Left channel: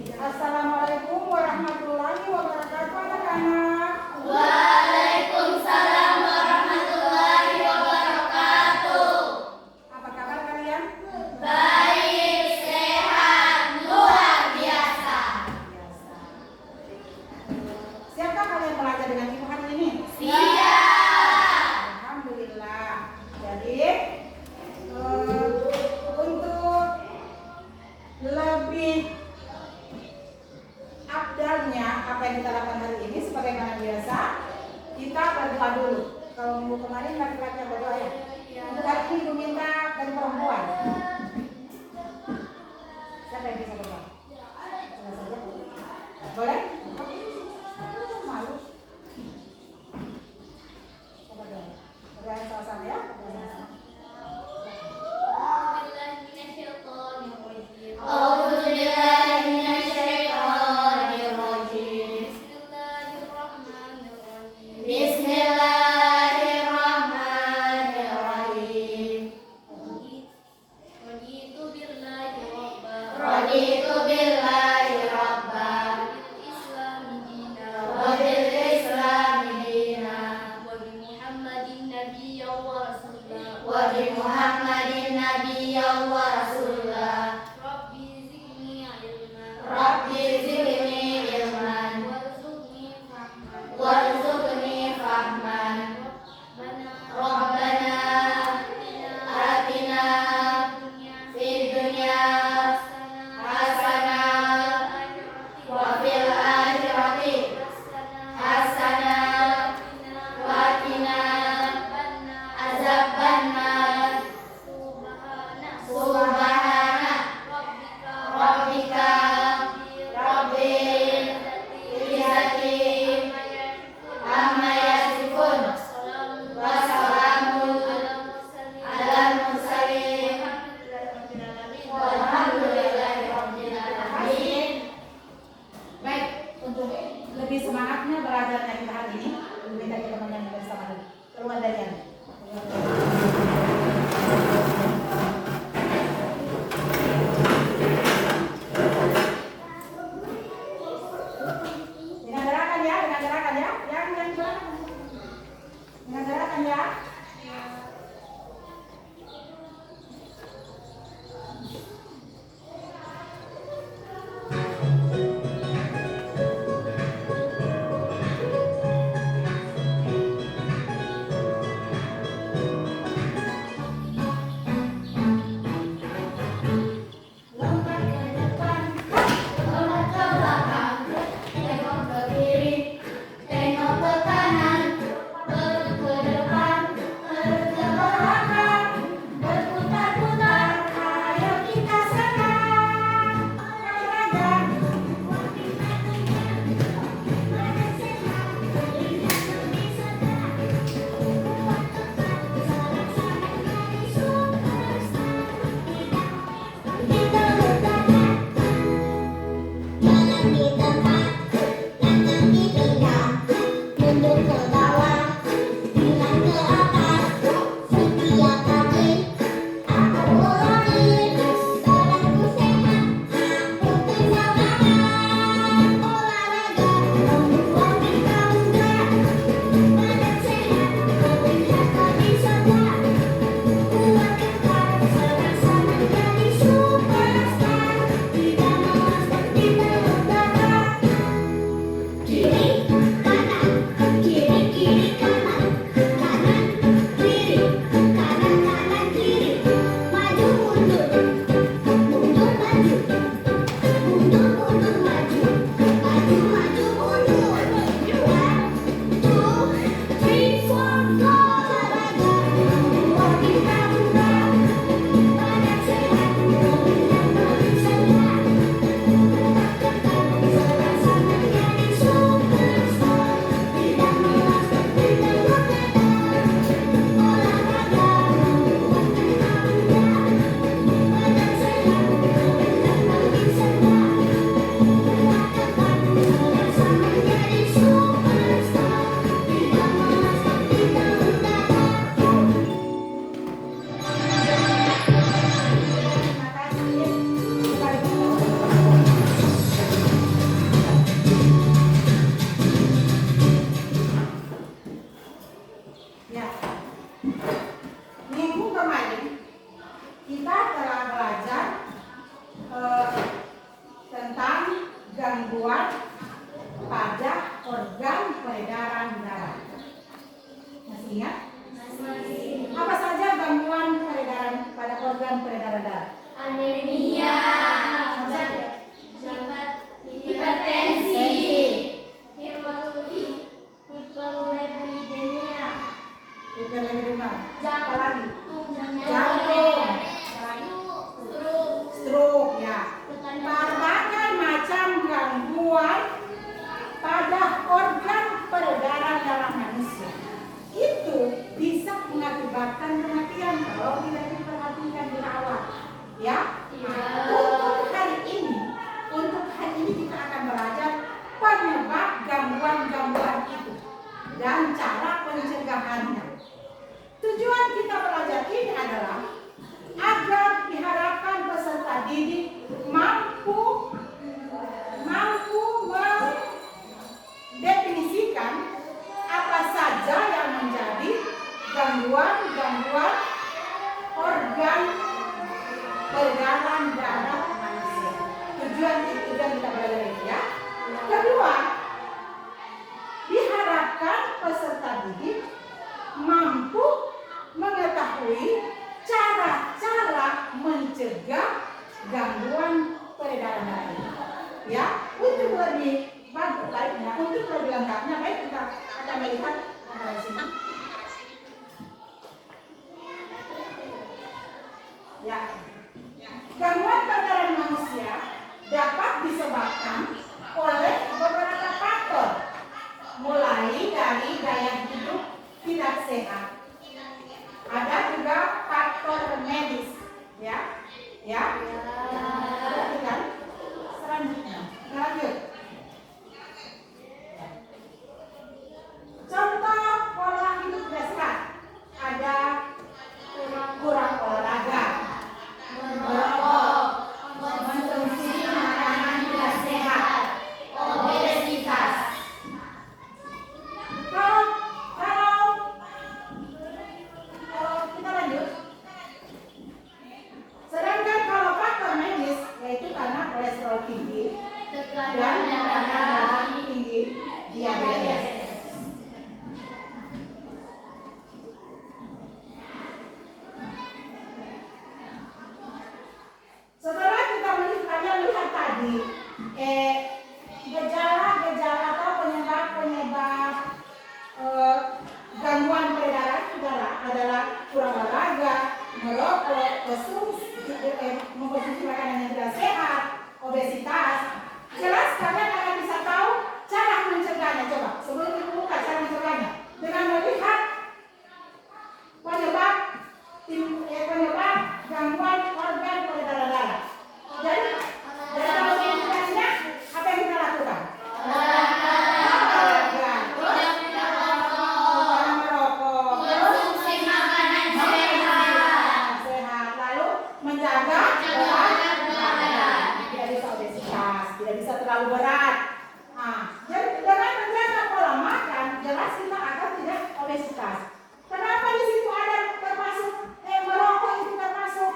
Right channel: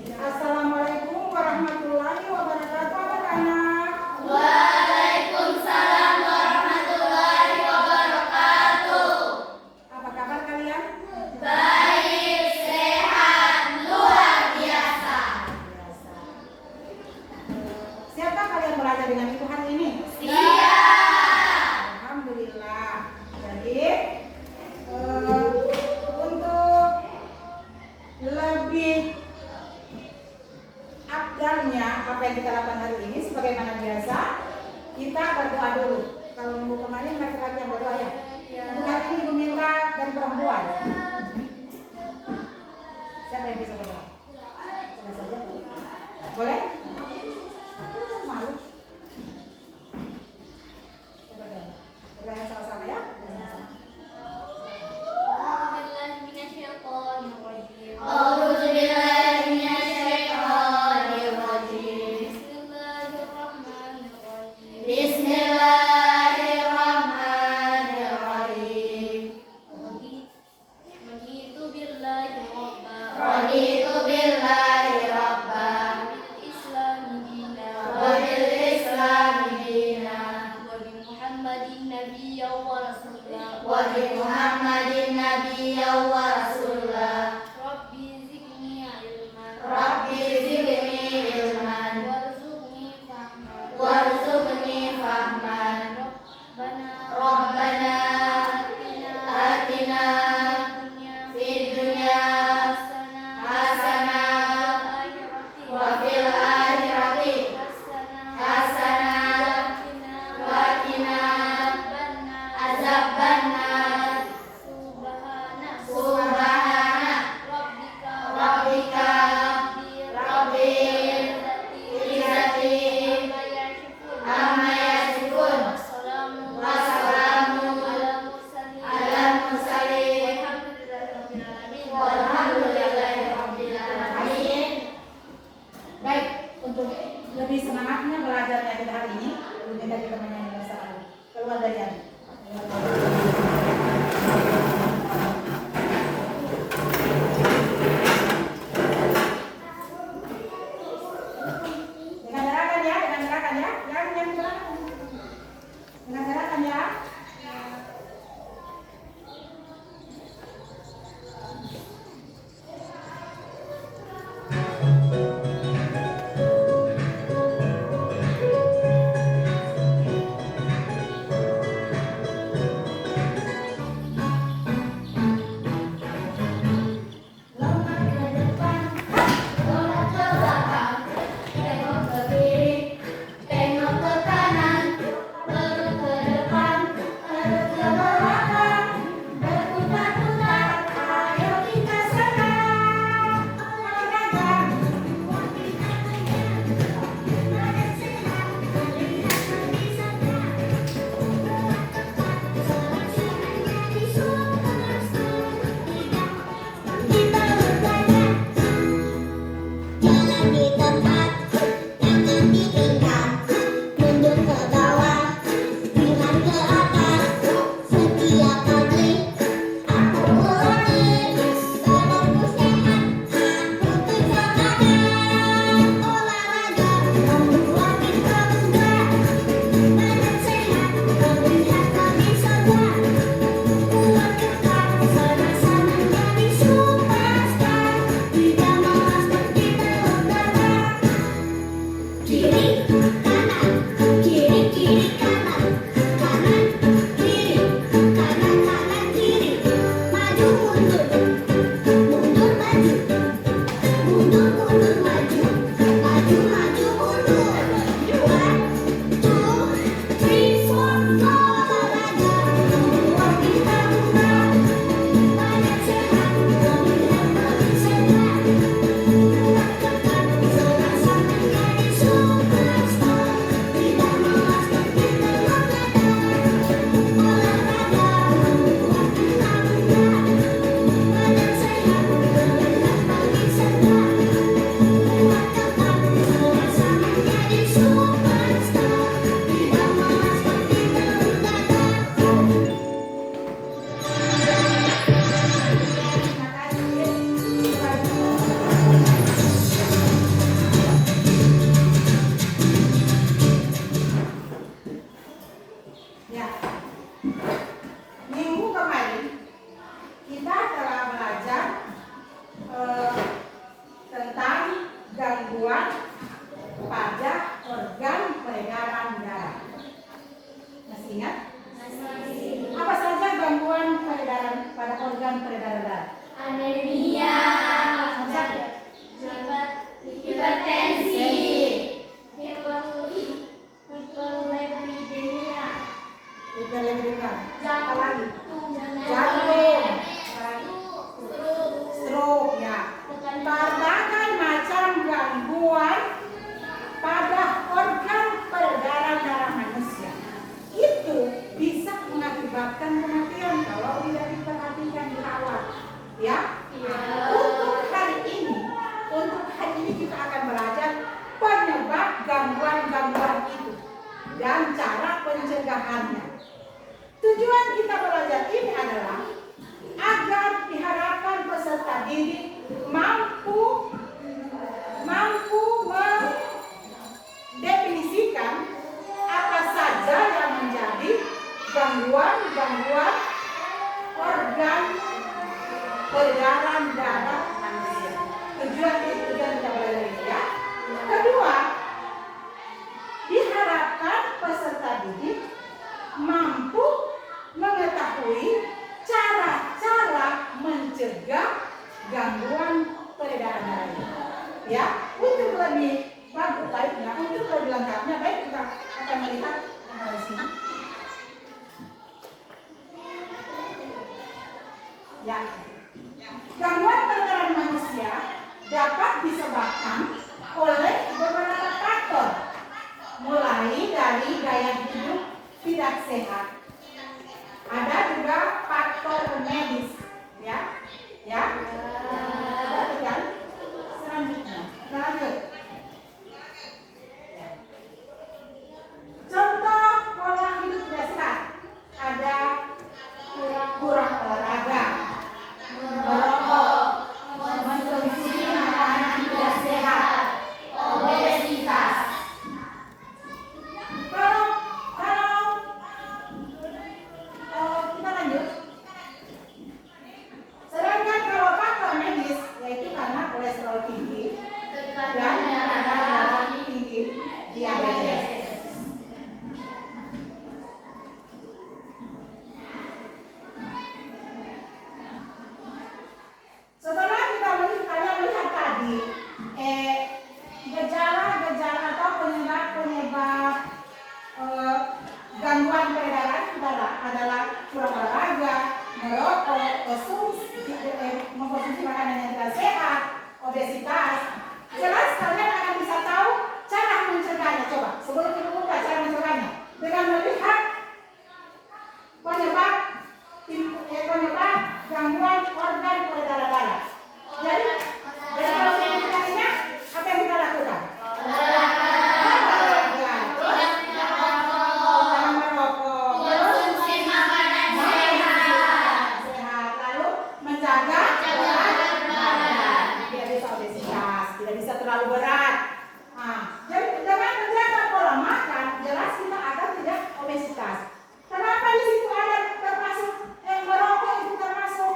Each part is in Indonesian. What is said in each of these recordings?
Assalamualaikum warahmatullahi wabarakatuh anak-anak. Waalaikumsalam warahmatullahi wabarakatuh. Apa kabar kalian? Baik, sehat, luar biasa. Siapkah kalian belajar dengan ibu hari ini? Siap. Alhamdulillah. Jadi untuk lebih afdalnya apa yang kita lakukan hari ini, sebagaimana biasa kita berdoa dulu. Kalau minggu kemarin laki-laki yang berdoa ya. Untuk hari ini ibu minta dari perempuan. Siapa yang bisa berdoa? Coba saja. Boleh? Malu. Coba dong. Berdoa sama-sama ya. A'udzu billahi minasyaitonir rajim. Bismillahirrahmanirrahim. Raditu billahi rabba wa bil islami dina wa bi Muhammadin nabiyyan wa rasulah. Rabbi zidni ilman warzuqni fahman. Rabbana atina fid dunya hasanah berbagai macam gangguan pada organ peredaran darah manusia. Itu bisa mengakibatkan kematian kalau tidak diperhatikan di awal. Ya. Untuk hari ini kita akan belajar penyebab gangguan-gangguan itu dan cara pencegahannya. Tujuan kita belajar ini adalah agar diharapkan peserta didik mampu mendefinisikan apa saja yang menjadi gangguan-gangguan organ peredaran darah manusia. Tujuan kita belajar ini ya. Kedua, diharapkan peserta didik mampu mengetahui cara-cara mencegah gangguan peredaran darah ini. Ya, untuk lebih baiknya, untuk lebih lengkapnya, baik kita akan melihat di sini. Ya, gangguan peredaran manusia dapat disebabkan oleh beberapa faktor, mulai dari gaya hidup tidak sehat. Ada juga faktor medis, ya. Ada juga selanjutnya. Lanjut. Contoh pola hidup tidak sehat. Ada kurang olahraga, merokok, mengkonsumsi makanan tidak sehat, obesitas. Kita lanjut. Sedangkan kalau faktor medis, yaitu karena kolesterol tinggi dan darah tinggi, diabetes. Setelah kita melihat tadi gejala-gejala atau penyebab gangguan peredaran darah adalah kurang olahraga, merokok, mengkonsumsi makanan yang tidak sehat, obesitas. Jelas kalian akan bisa tahu cara mencegahnya. Coba sebelum kita buka cara mencegahnya dengan melihat penyebab gangguan organ peredaran darah. Jadi kalau mencegahnya apa yang kita lakukan? Tidak bisa terlalu berat. Jadi dengan menjaga pola makan, jelas kita akan tidak obesitas. Kenapa di situ ada termasuk merokok itu termasuk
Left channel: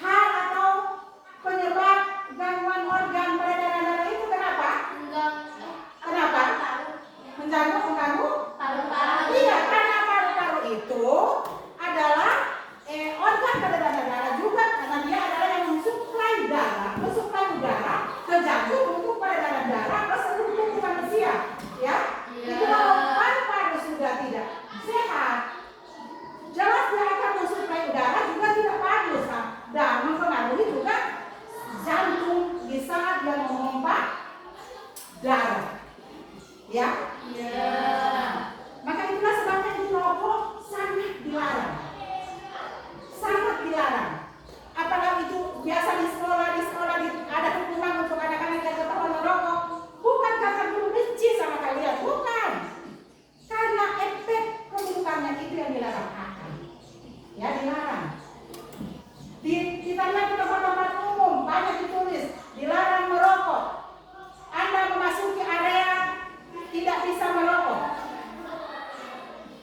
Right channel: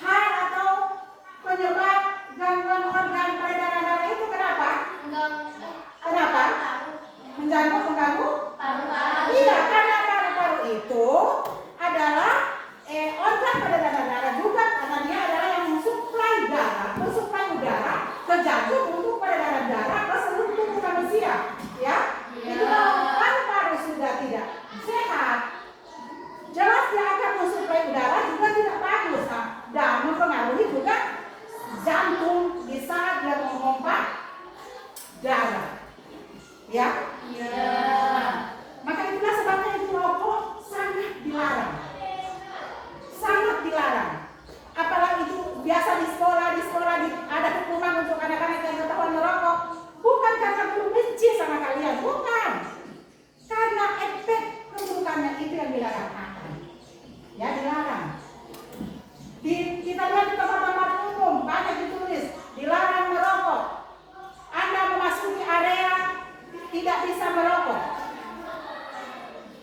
hal atau penyebab gangguan organ peredaran darah itu kenapa? Kenapa? Mengganggu? Iya, karena paru-paru itu adalah organ peredaran darah juga karena dia adalah yang mensuplai udara ke jantung untuk peredaran darah ke seluruh tubuh manusia. Ya, itu kalau paru-paru sudah tidak sehat, jelas dia akan mensuplai udara juga tidak bagus dan mempengaruhi juga jantung di saat dia memompa darah. Ya. Maka itulah sebabnya itu rokok sangat dilarang. Sangat dilarang. Apalagi itu biasa di sekolah ada hukuman untuk anak-anak yang ketahuan merokok. Bukan karena guru benci sama kalian, bukan. Karena efek keburukannya itu yang dilarang. Ya, dilarang. Kita lihat di tempat-tempat umum banyak ditulis dilarang merokok. Anda memasuki area tidak bisa merokok.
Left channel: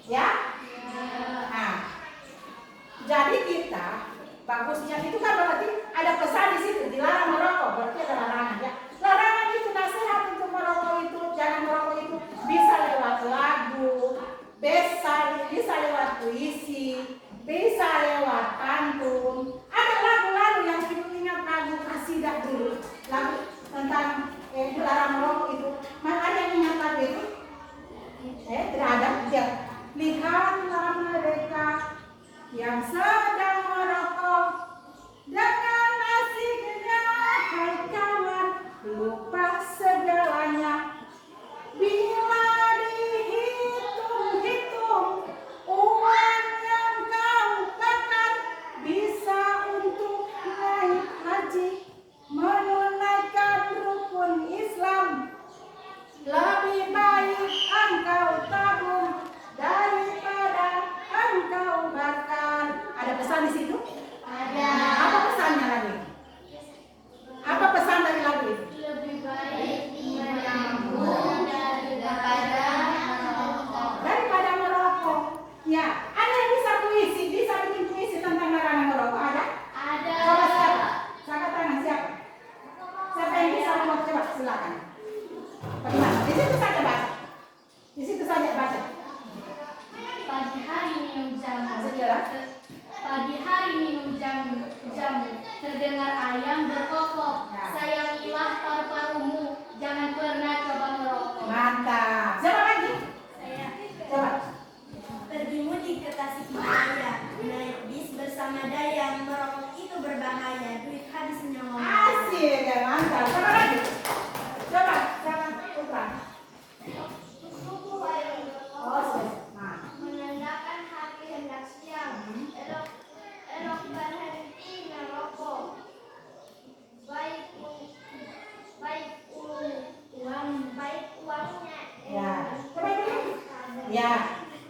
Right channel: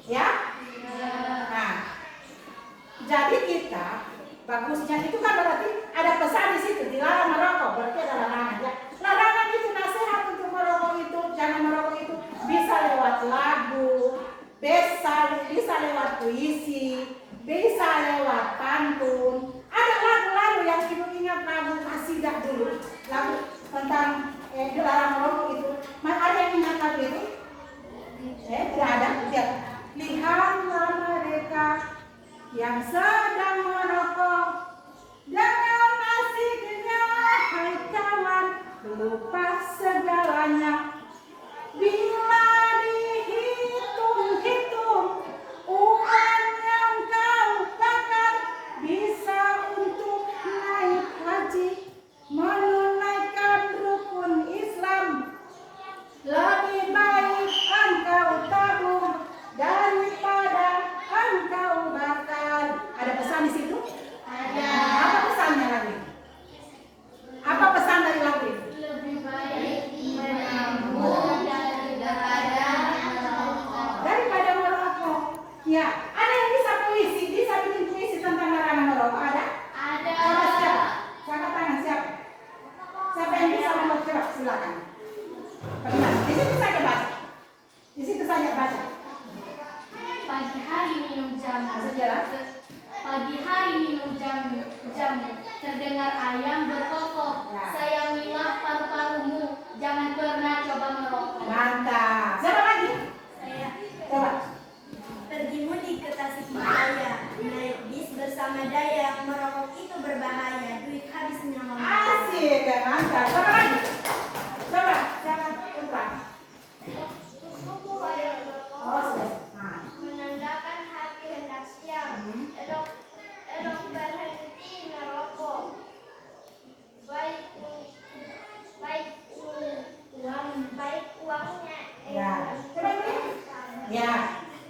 Ya? Nah, jadi kita bagusnya itu kan berarti ada pesan di situ dilarang merokok, berarti ada larangan ya. Larangan itu nasihat untuk merokok itu, jangan merokok itu bisa lewat lagu, bisa lewat puisi, bisa lewat pantun. Ada lagu-lagu yang ibu ingat lagu kasidah dulu, lagu tentang dilarang merokok itu. Ada yang ingat lagu itu? Tidak ada. Lihatlah mereka yang sedang merokok dengan Mantap. Siapa lagi? Saya Coba. pergi mudik ke Tasikmalaya, naik bis bersama Dayang, merokok itu berbahaya, duit habis nyawa. Asik ya, mantap. Siapa lagi? Coba. Siapa? Putra. Oh, nah. Menandakan hari hendak siang, elok berhenti merokok. Baik uangnya. Ya. Coba ini. Ya.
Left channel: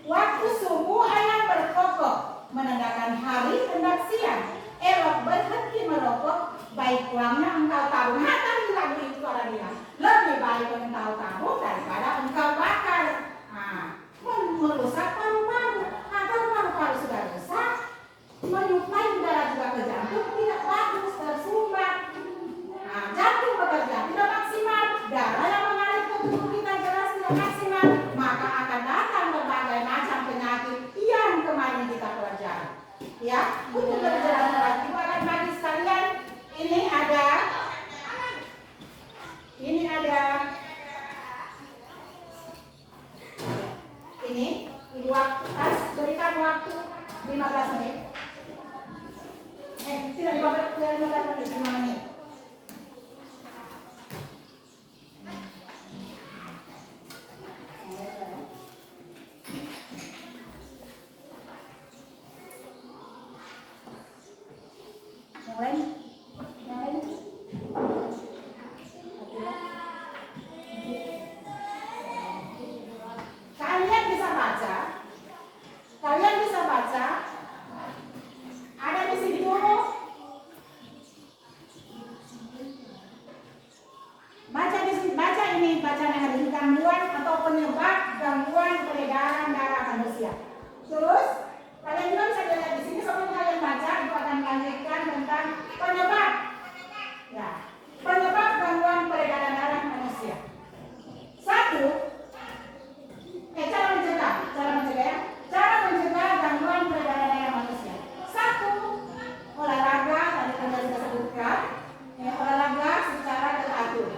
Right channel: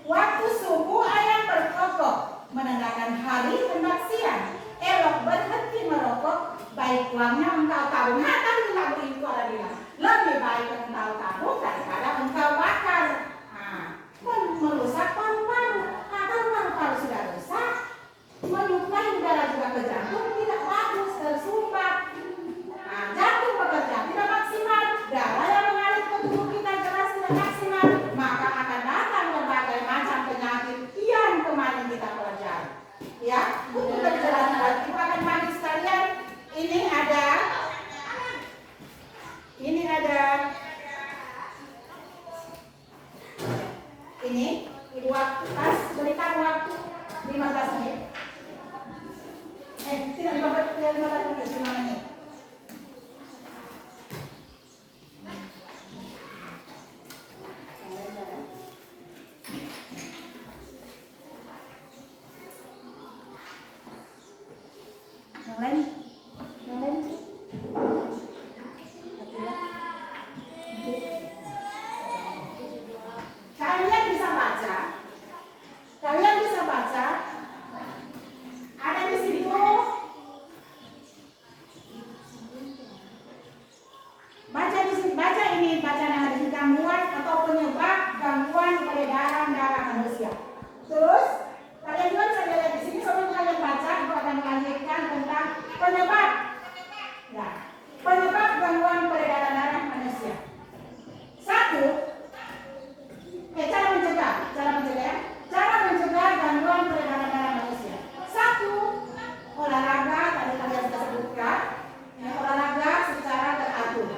Waktu subuh ayam berkokok, menandakan hari hendak siang. Elok berhenti merokok, baik uangnya engkau tabung. Nah, tadi lagu itu ada bilang, lebih baik engkau tabung daripada engkau bakar. Nah, merusak paru-paru. Nah, kalau paru-paru sudah rusak, menyuplai udara juga ke jantung tidak bagus, tersumbat. Nah, jantung bekerja tidak maksimal, darah yang mengalir ke tubuh kita jelas tidak maksimal, maka akan datang berbagai macam penyakit yang kemarin kita pelajari. Ya, untuk perjalanan lagi ibu akan mandi sekalian. Ini ada ini ibu harus berikan waktu 15 menit. Tidak 15 menit, 5 menit. Yang lain? Yang lain? Kalian bisa baca. Kalian bisa baca. Ada di sini dulu. Baca di sini, baca ini, bacaan yang ada di gangguan atau penyebab gangguan peredaran darah manusia. Terus kalian juga bisa lihat di sini sambil kalian baca, itu akan melanjutkan tentang penyebab. Ya, penyebab gangguan peredaran darah manusia. Cara mencegah gangguan peredaran darah manusia. 1, olahraga, tadi kalian sudah sebutkan, ya, olahraga secara teratur.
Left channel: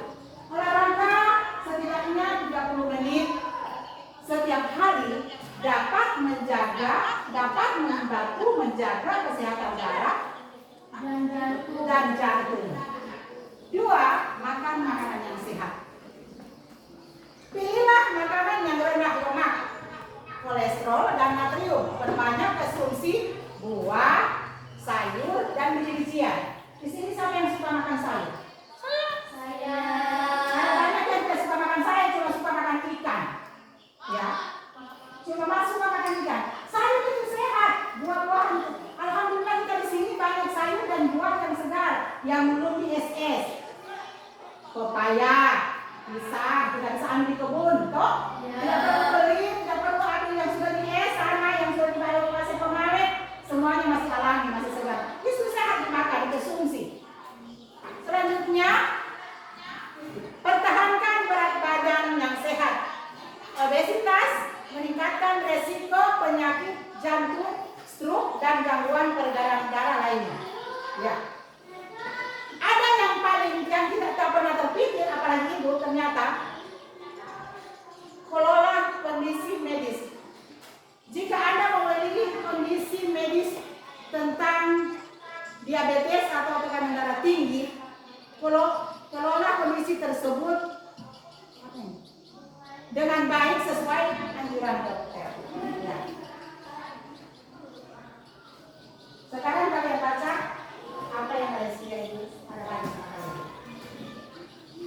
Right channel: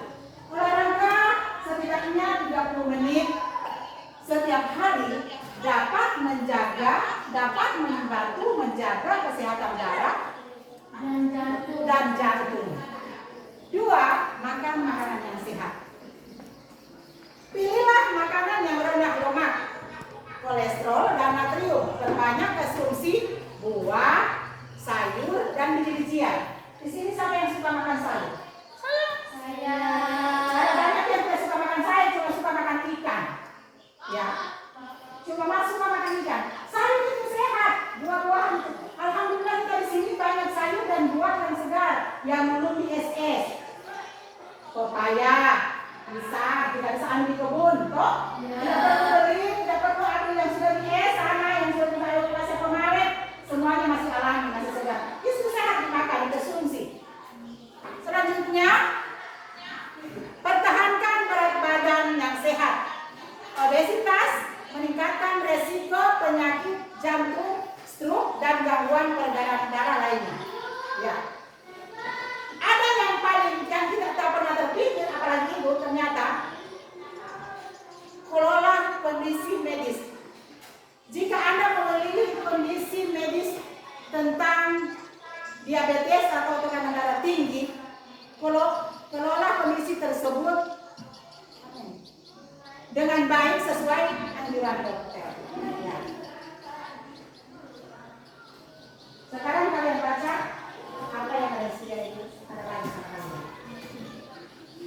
Olahraga setidaknya 30 menit setiap hari dapat membantu menjaga kesehatan darah dan jantung. 2, makan makanan yang sehat. Pilihlah makanan yang rendah lemak, kolesterol dan natrium. Perbanyak konsumsi buah, sayur dan biji-bijian. Di sini siapa yang suka makan sayur? Saya. Ada banyak yang tidak suka makan sayur, cuma suka makan ikan. Ya, cuma suka makan ikan. Sayur itu sehat, buah-buahan itu. Alhamdulillah kita di sini banyak sayur dan buah yang segar, yang belum di SS. Pepaya, pisang, tidak bisa ambil di kebun, toh? Tidak perlu beli, tidak perlu ambil yang sudah di es sana, yang sudah dibayar masih kemarin, semuanya masih alami, masih segar. Itu sehat dimakan, dikonsumsi. Selanjutnya, pertahankan berat badan yang sehat. Obesitas meningkatkan resiko penyakit jantung, stroke, dan gangguan peredaran darah lainnya. Ya. Ada yang paling yang kita tak pernah terpikir, apalagi ibu, ternyata kelola kondisi medis. Jika Anda memiliki kondisi medis tentang diabetes atau tekanan darah tinggi, kelola kondisi tersebut dengan baik sesuai anjuran dokter. Ya. Sekarang kalian baca apa yang ada di sini itu ada lagi sama kalian.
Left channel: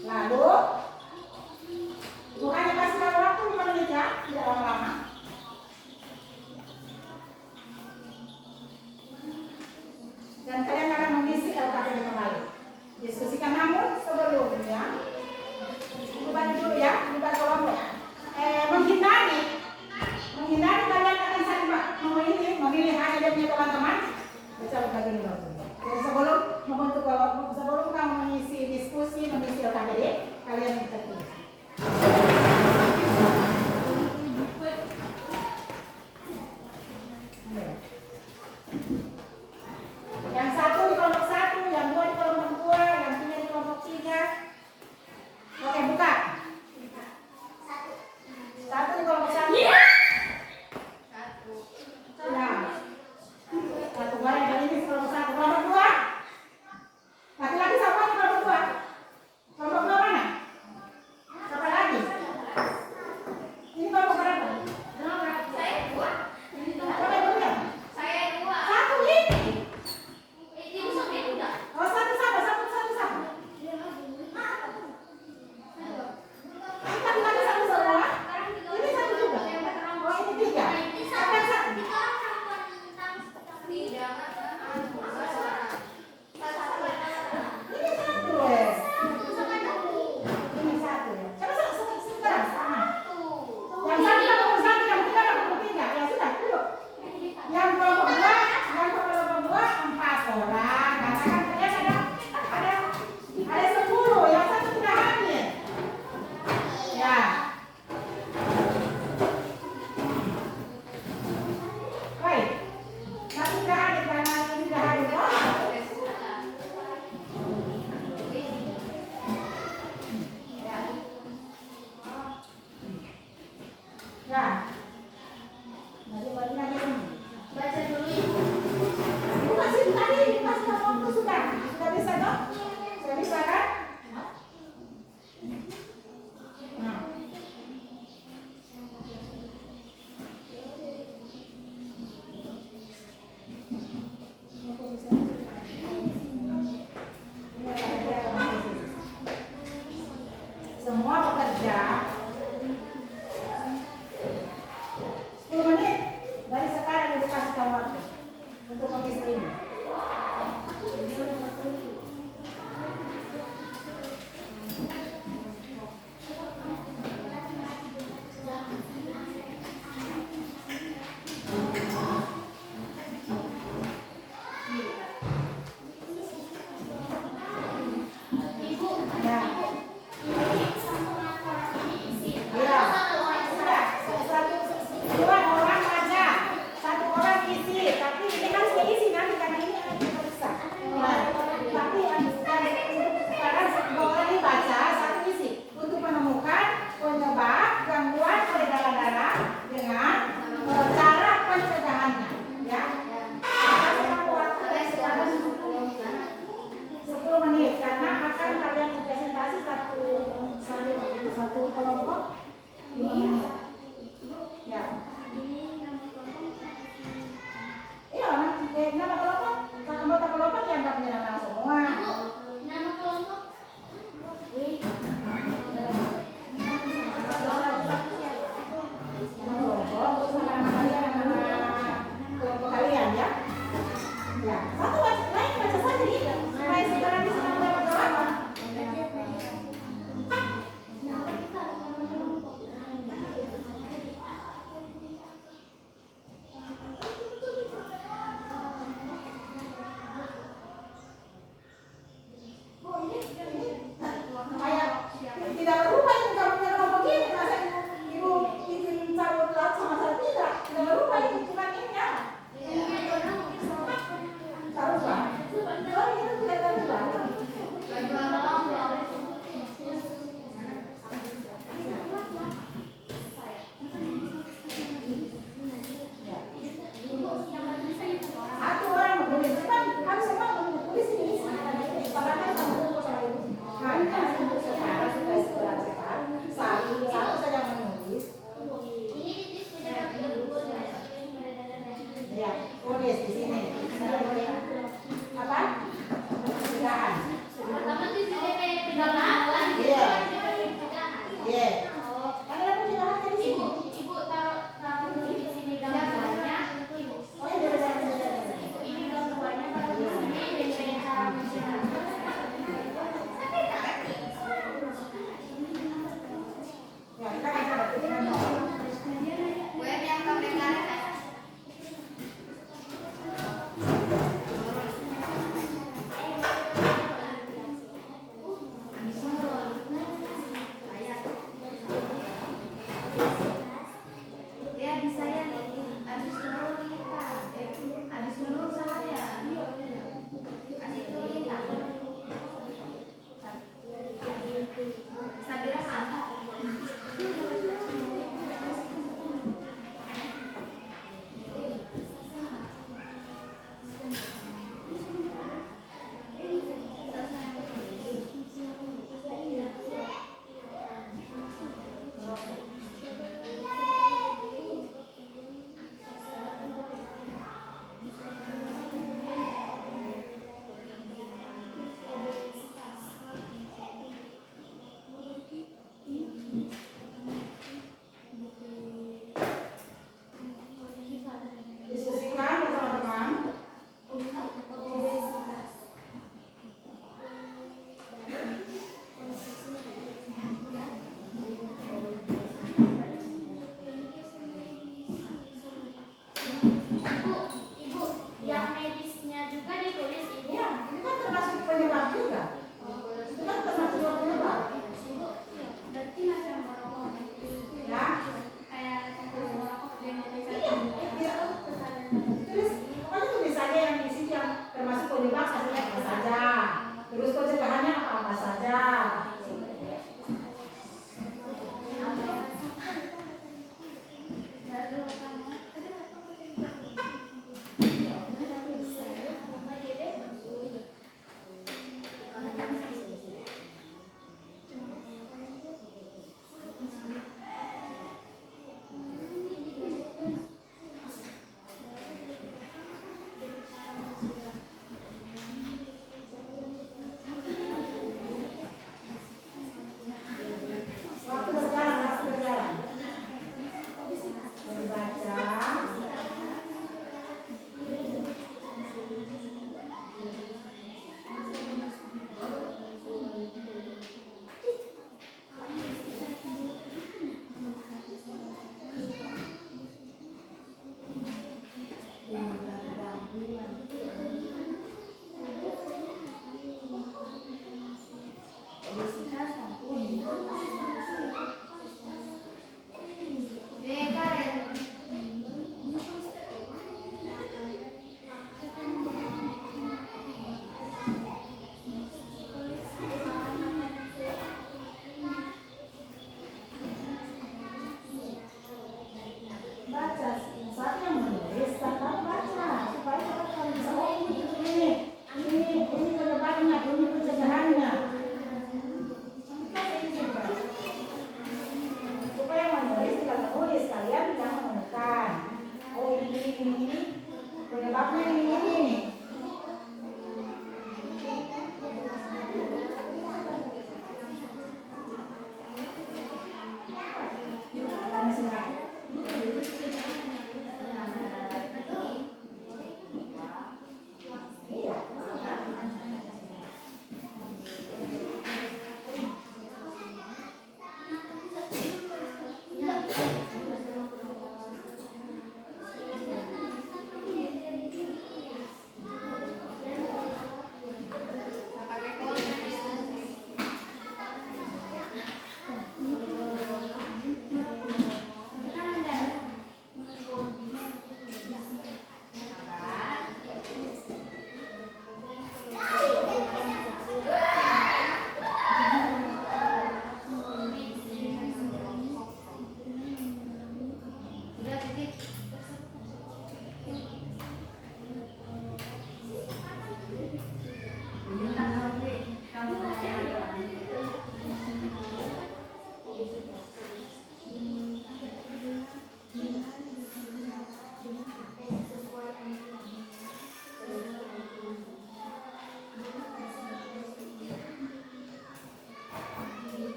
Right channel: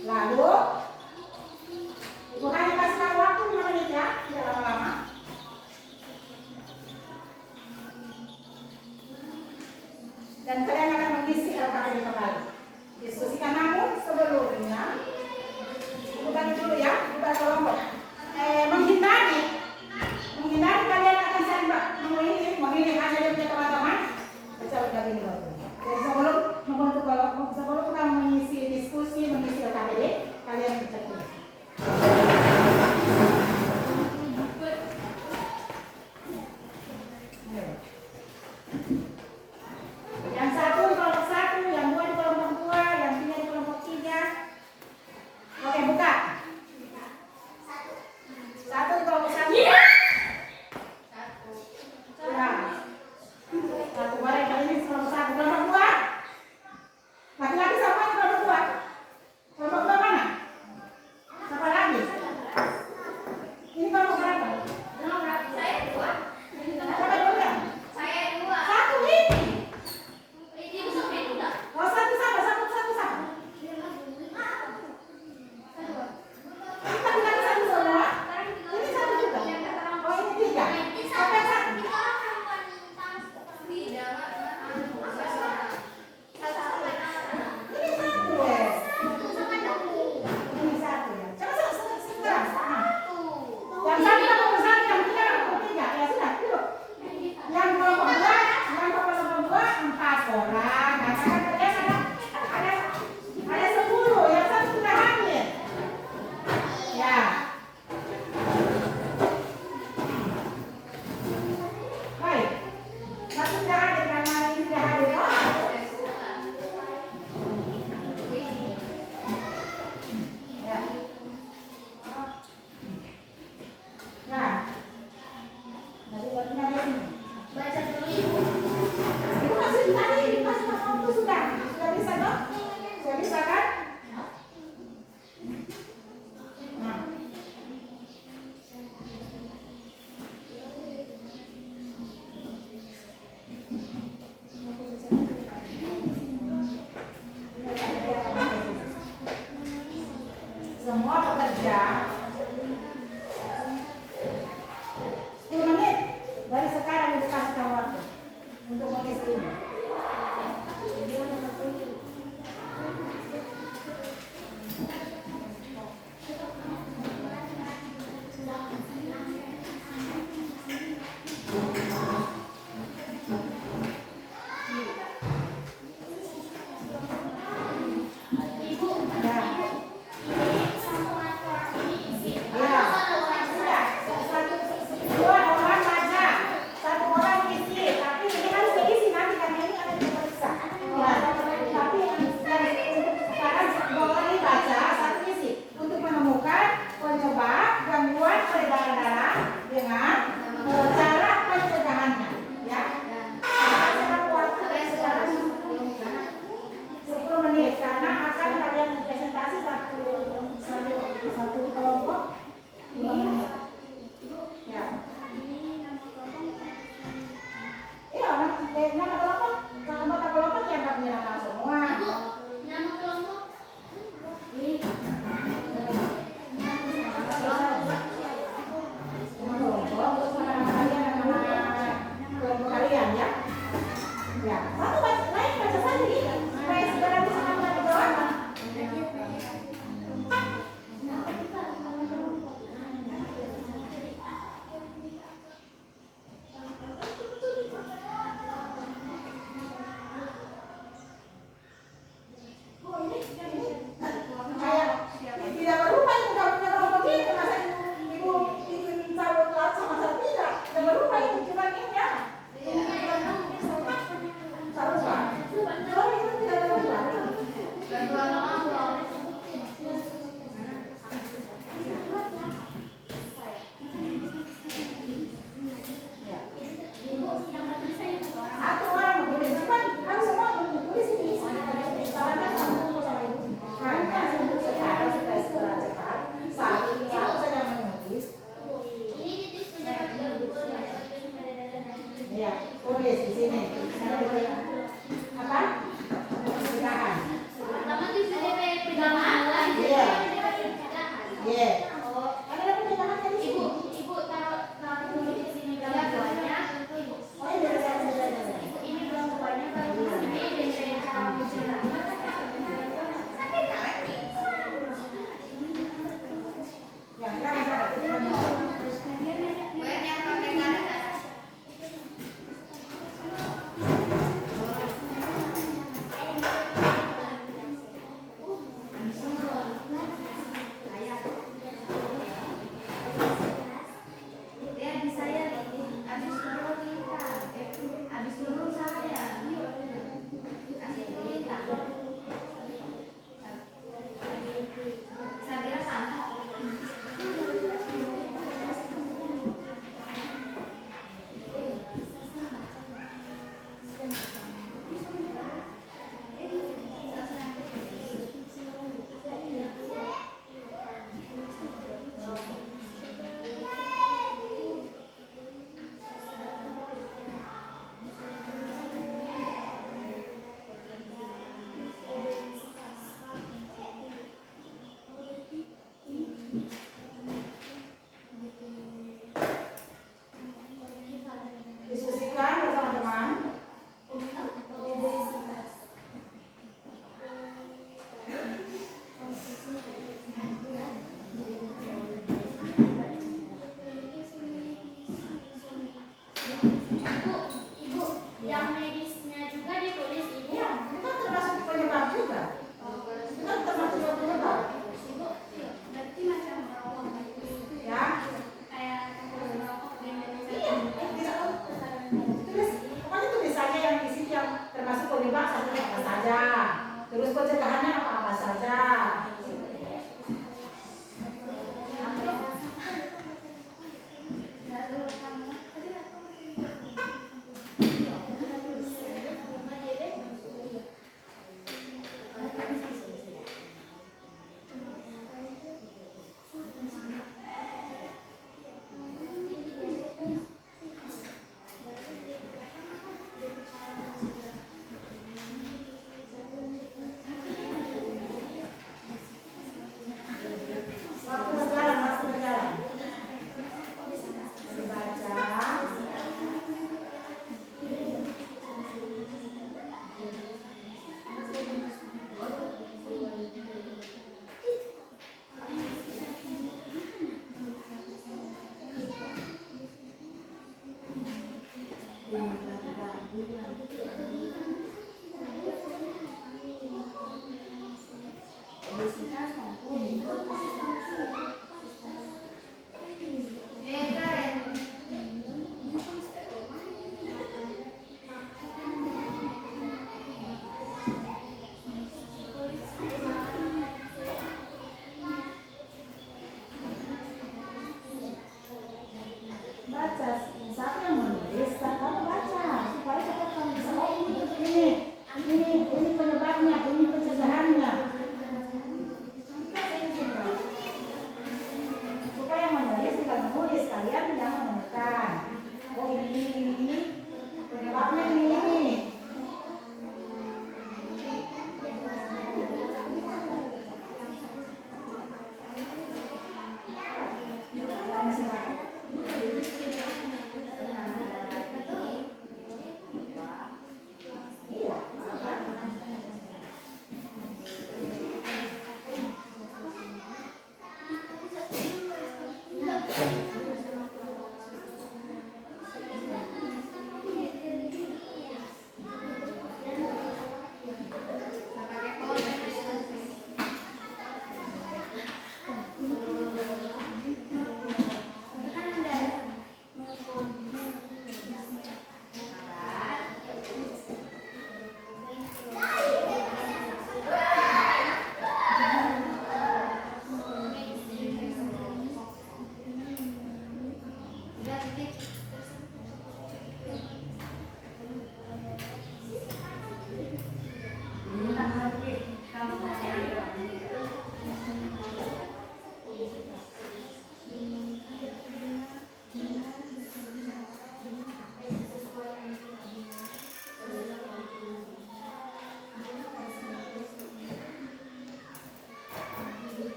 Lalu bukan dikasih waktu 5 menit ya, tidak lama-lama. Dan kalian akan mengisi LKPD kembali. Diskusikan namun sebelumnya, bukan dulu ya, kita kelompok. Menghindari kalian akan saling memilih hanya dia punya teman-teman. Baca begini dulu. aja. 10 menit dari sekarang Ibu kasih waktu untuk mengisi ini. Satu kelompok 5 menit. Ya. Iya, nama kelompok, anggota kelompok dianggap menyerang semua. Nama kelompok. Kelompok kalian ya. Ya, satu baca saja nih. Supaya sekarang bisa mendapat. Tidak berubah itu kamu kelompok ini, masa ibu bikin sabut telat sama saya tidak berubah itu cuma ini ya. Berubah. Oh itu tidak berubah. Satu orang menulis, kan semua menulis ini. Salahnya satu sama ibu. Hanya untuk sekarang sudah sekarang satu saja menulis. Ya, tulis di sini. Apa? Pencegahan. Iya. Iya. Ada pencegahan di sini. Ibu taruh di sini dalam buahnya. Oh iya, Ini dalam buahnya taruh di sini dan cara menjelaskan. ya kita bisa diskusikan bersama teman. Ibu, yang medisnya juga ditulis ibu. Ya, itu kan termasuk penyebab juga. Itu kan termasuk penyebab. Berarti macam merokok. Ya. Kayak merokok dengan Iya, tulis saja yang isi yang termasuk penyebab apa saja. Terus pencegahannya apa saja.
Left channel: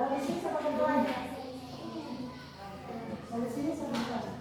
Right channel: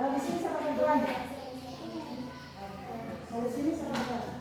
Kalau di sini siapa ketuanya? Kalau di sini siapa ketuanya?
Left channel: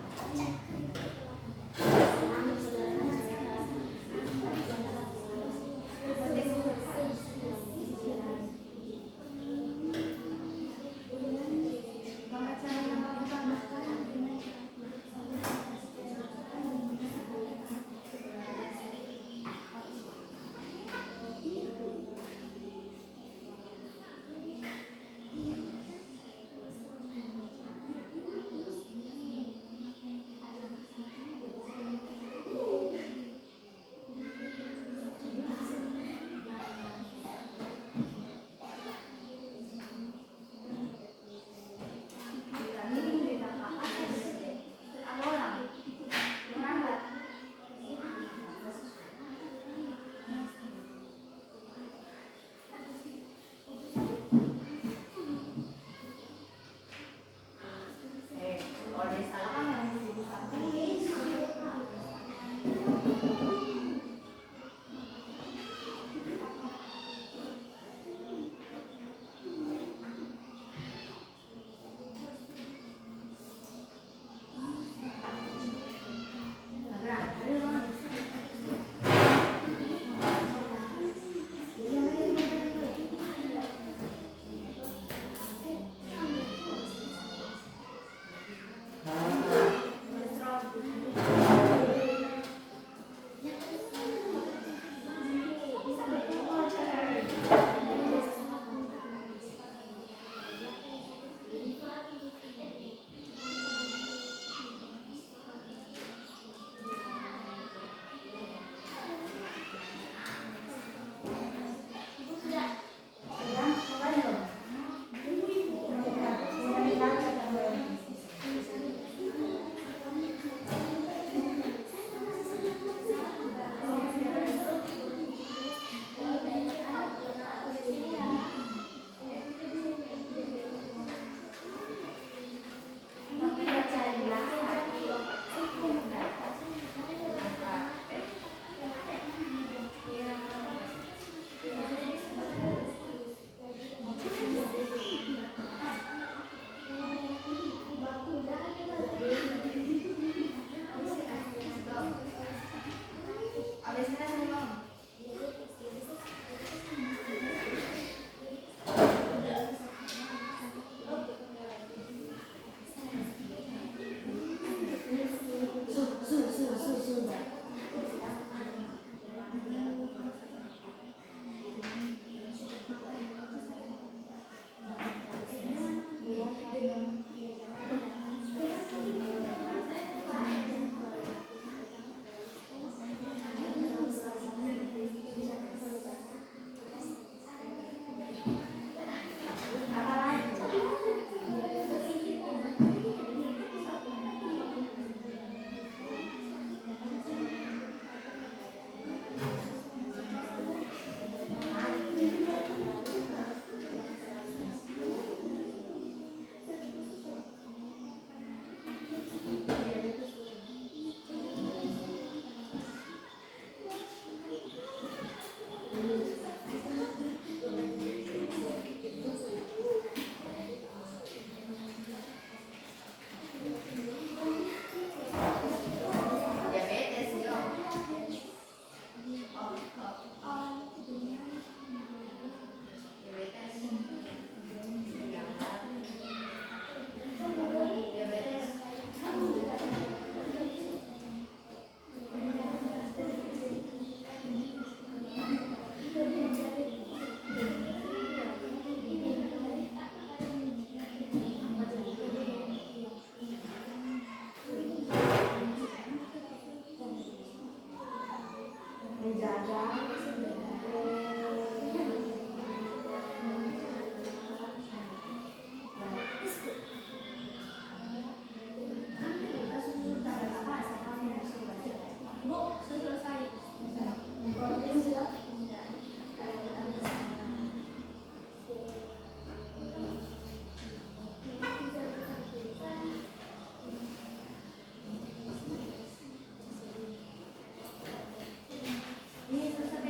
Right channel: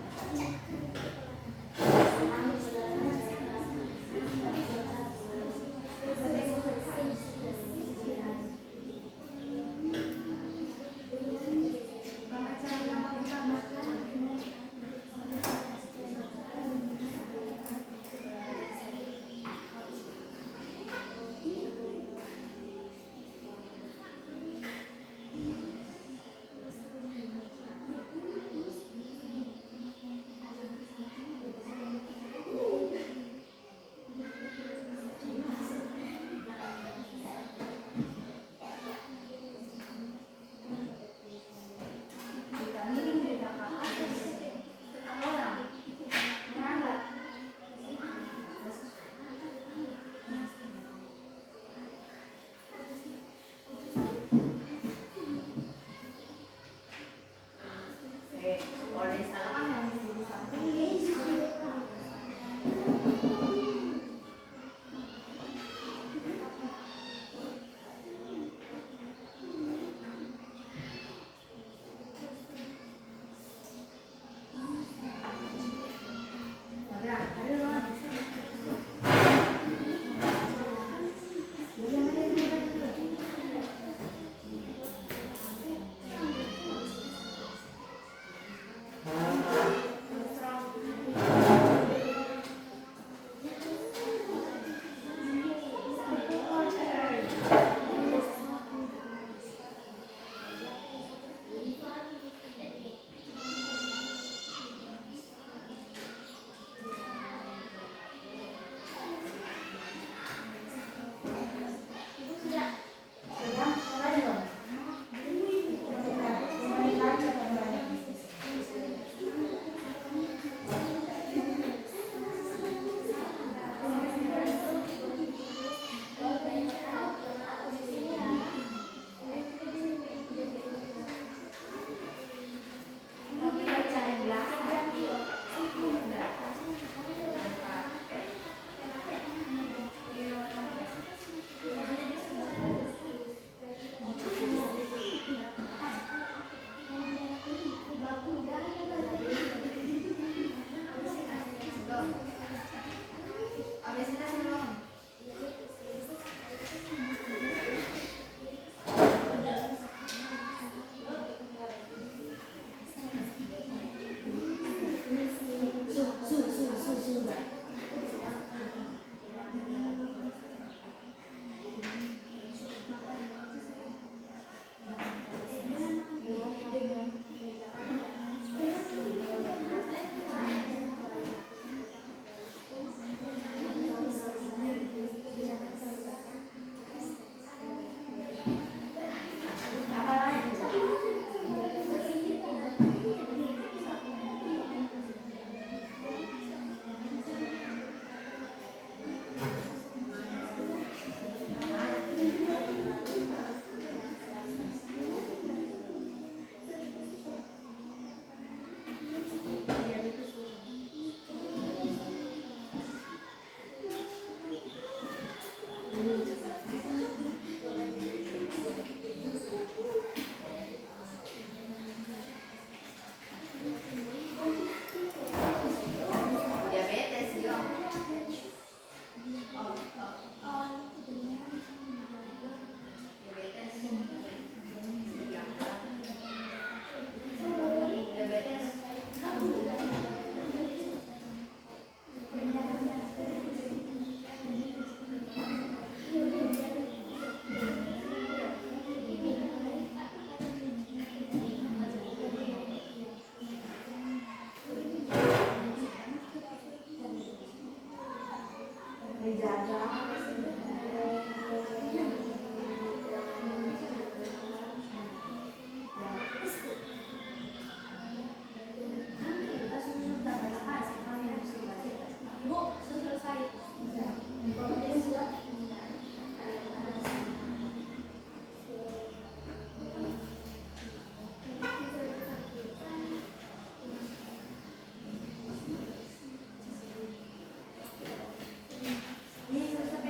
Ini selesai.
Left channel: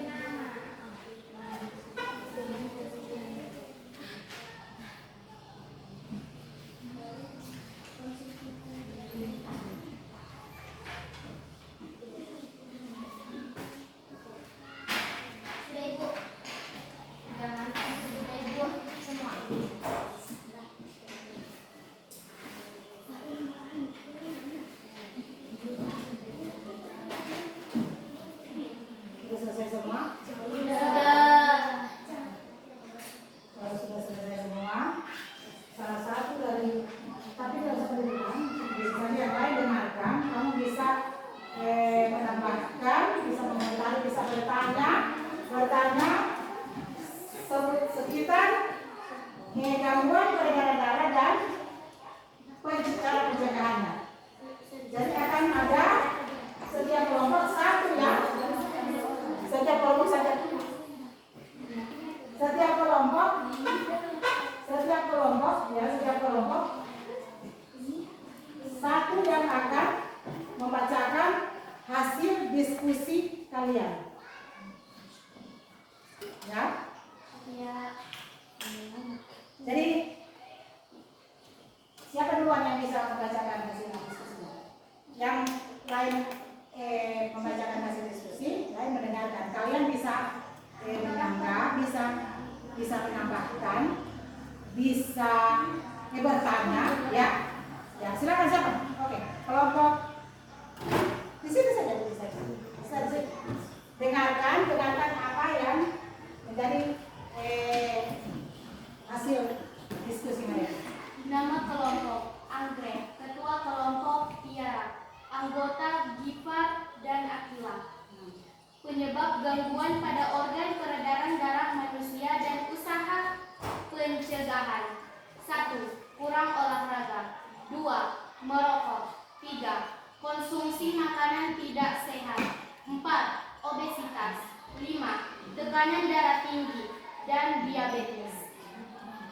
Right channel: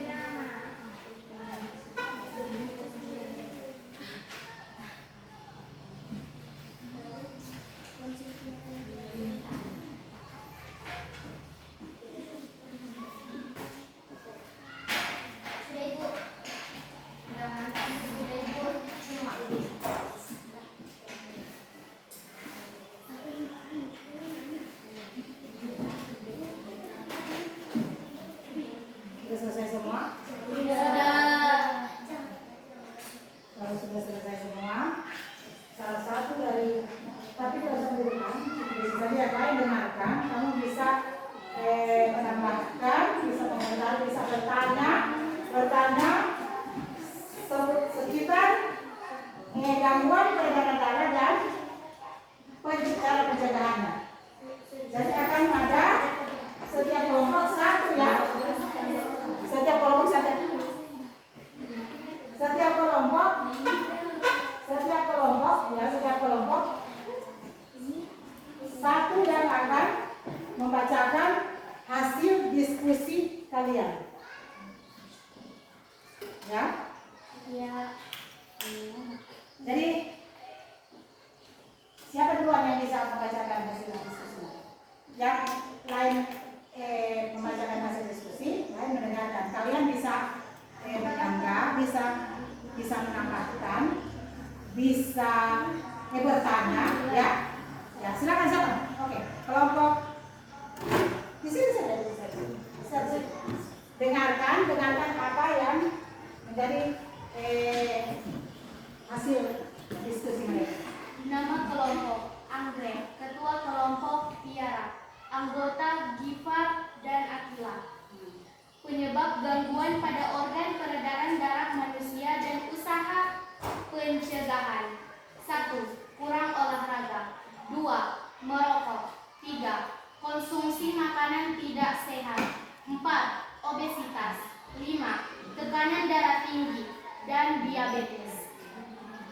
baik-baik dengarkan. Kamu bisa menambahkan, bisa mengomentari, bisa bertanya sekitar gangguan peredaran darah dan cara pencegahannya. Jadi akan ada setiap kelompok satu ya. Setiap kelompok satu yang akan membacakan hasil diskusi kalian. Ya? Ya. Jadi siapa duluan yang bisa membacakan hasil diskusi? Yang lain membacakan hasil diskusi, lain mendengarkan. Kalian bisa menyanggah, bisa menambahkan, bisa bertanya, ya. Ya, silakan siapa? Oke, kelompok di sini saja bisa. Dengarkan apa yang menjadi hasil diskusi mereka. Nama kelompok Anggrek, ketua kelompok Tiara, anggota Gifar dan Akila. Penyebab gangguan pada organ peredaran darah manusia dan usaha pencegahan. 1. Kurang olahraga. 2. Merokok. 3. Konsumsi makanan tidak sehat. 4. Obesitas. 5. Tekanan darah tinggi dan diabetes.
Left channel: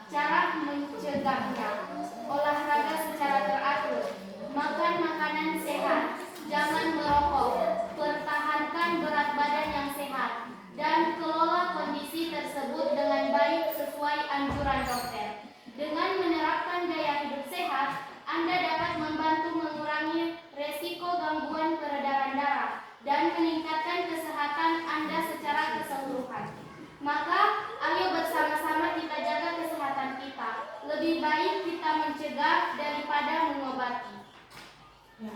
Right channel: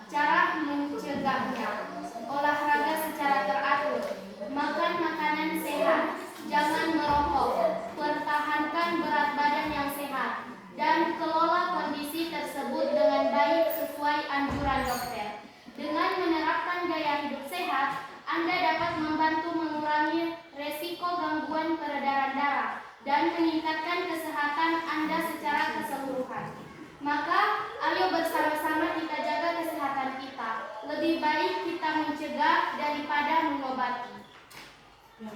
Cara mencegahnya: olahraga secara teratur, makan makanan sehat, jangan merokok, pertahankan berat badan yang sehat, dan kelola kondisi tersebut dengan baik sesuai anjuran dokter. Dengan menerapkan gaya hidup sehat, Anda dapat membantu mengurangi resiko gangguan peredaran darah dan meningkatkan kesehatan Anda secara keseluruhan. Maka, ayo bersama-sama kita jaga kesehatan kita. Lebih baik kita mencegah daripada mengobati. Ya.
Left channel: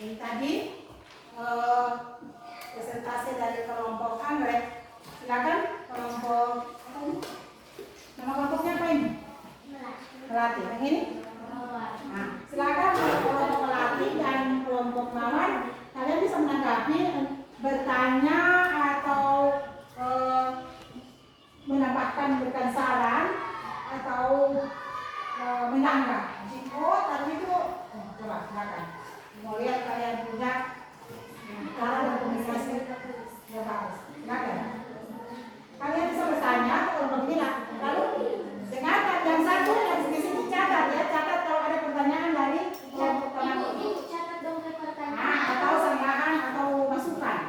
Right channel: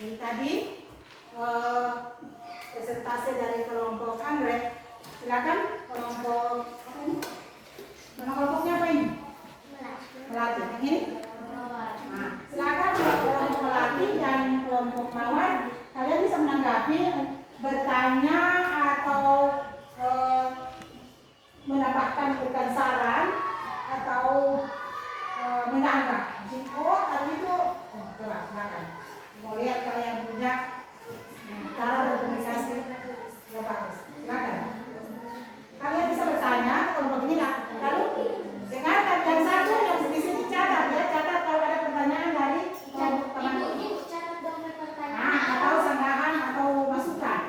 Jadi tadi presentasi dari kelompok Anggrek. Silakan kelompok nama kelompoknya apa ini? Melati. Yang ini? Nah, silakan kelompok Melati dan kelompok Mawar. Kalian bisa menanggapi, bertanya atau menambahkan bukan saran atau menanggap. Oh, tadi itu coba silakan. Mau lihat kalian punya cara berkomunikasi yang bagus. Silakan. Kalian bisa bertanya kalau begini, lalu dengarkan yang satu yang di sini catat ya, catat kalau ada pertanyaan dari kelompok teman. Ibu catat dong pertanyaan. Nah, atau sanggahan atau masukan.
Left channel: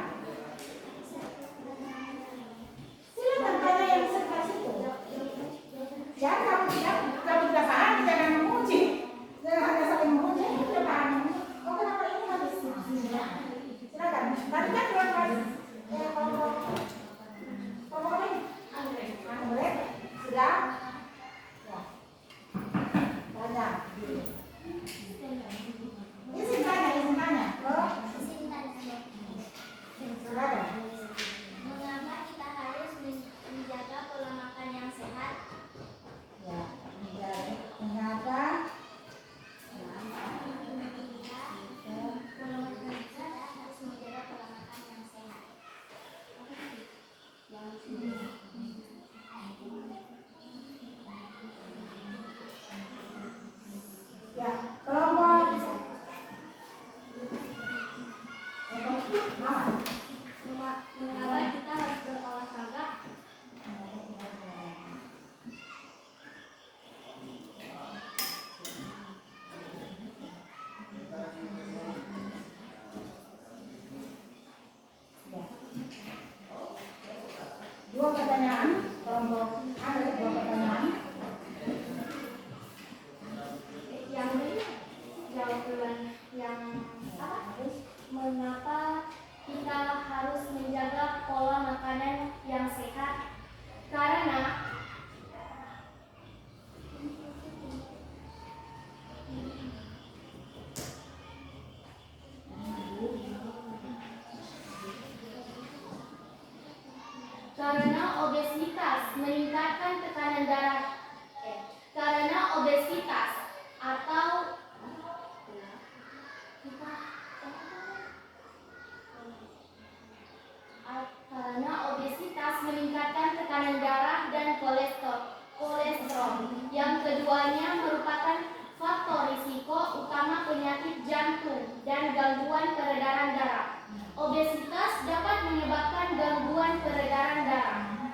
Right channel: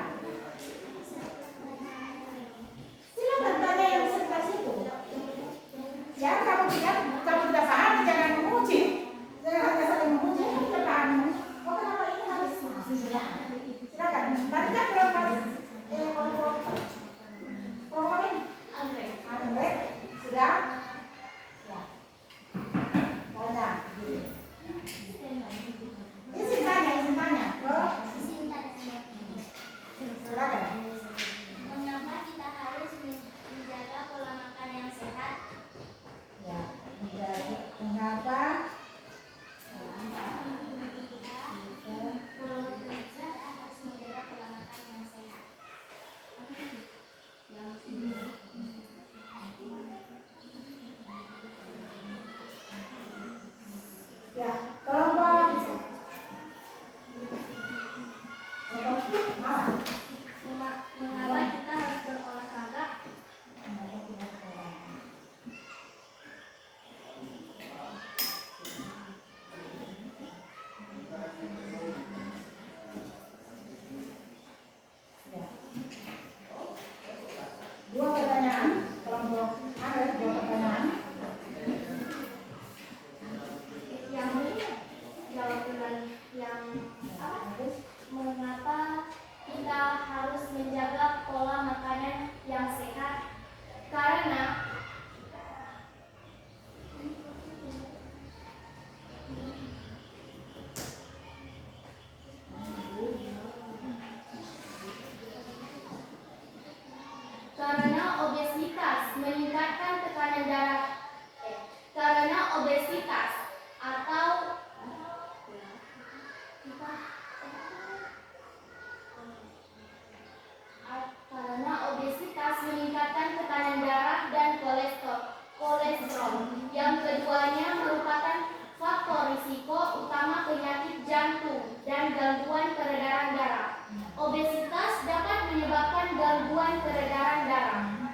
Keduanya merupakan faktor risiko utama penyakit jantung dan gangguan peredaran darah. Obesitas dapat menyebabkan gangguan peredaran darah.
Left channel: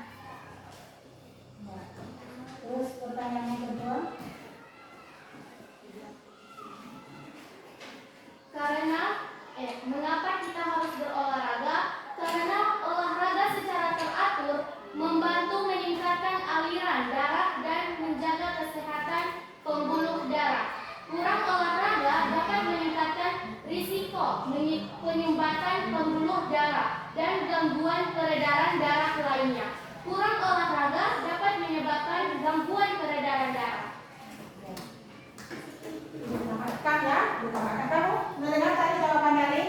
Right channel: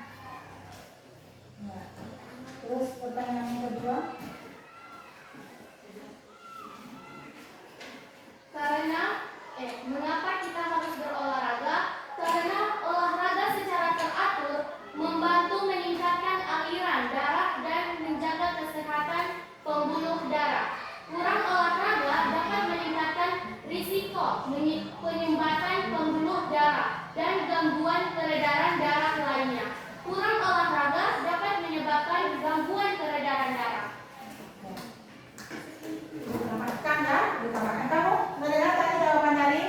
Terus pertanyaan yang kedua. Mengapa kita harus berolahraga? Karena olahraga secara teratur membantu meningkatkan aliran darah dan menjaga kesehatan pembuluh darah. Kurang olahraga dapat meningkatkan risiko penyumbatan pembuluh darah dan gangguan peredaran darah lainnya. Kurang olahraga dapat menyebabkan gangguan peredaran darah. Dapatkan ya, dapatkan kamu mendengar tadi jawaban dari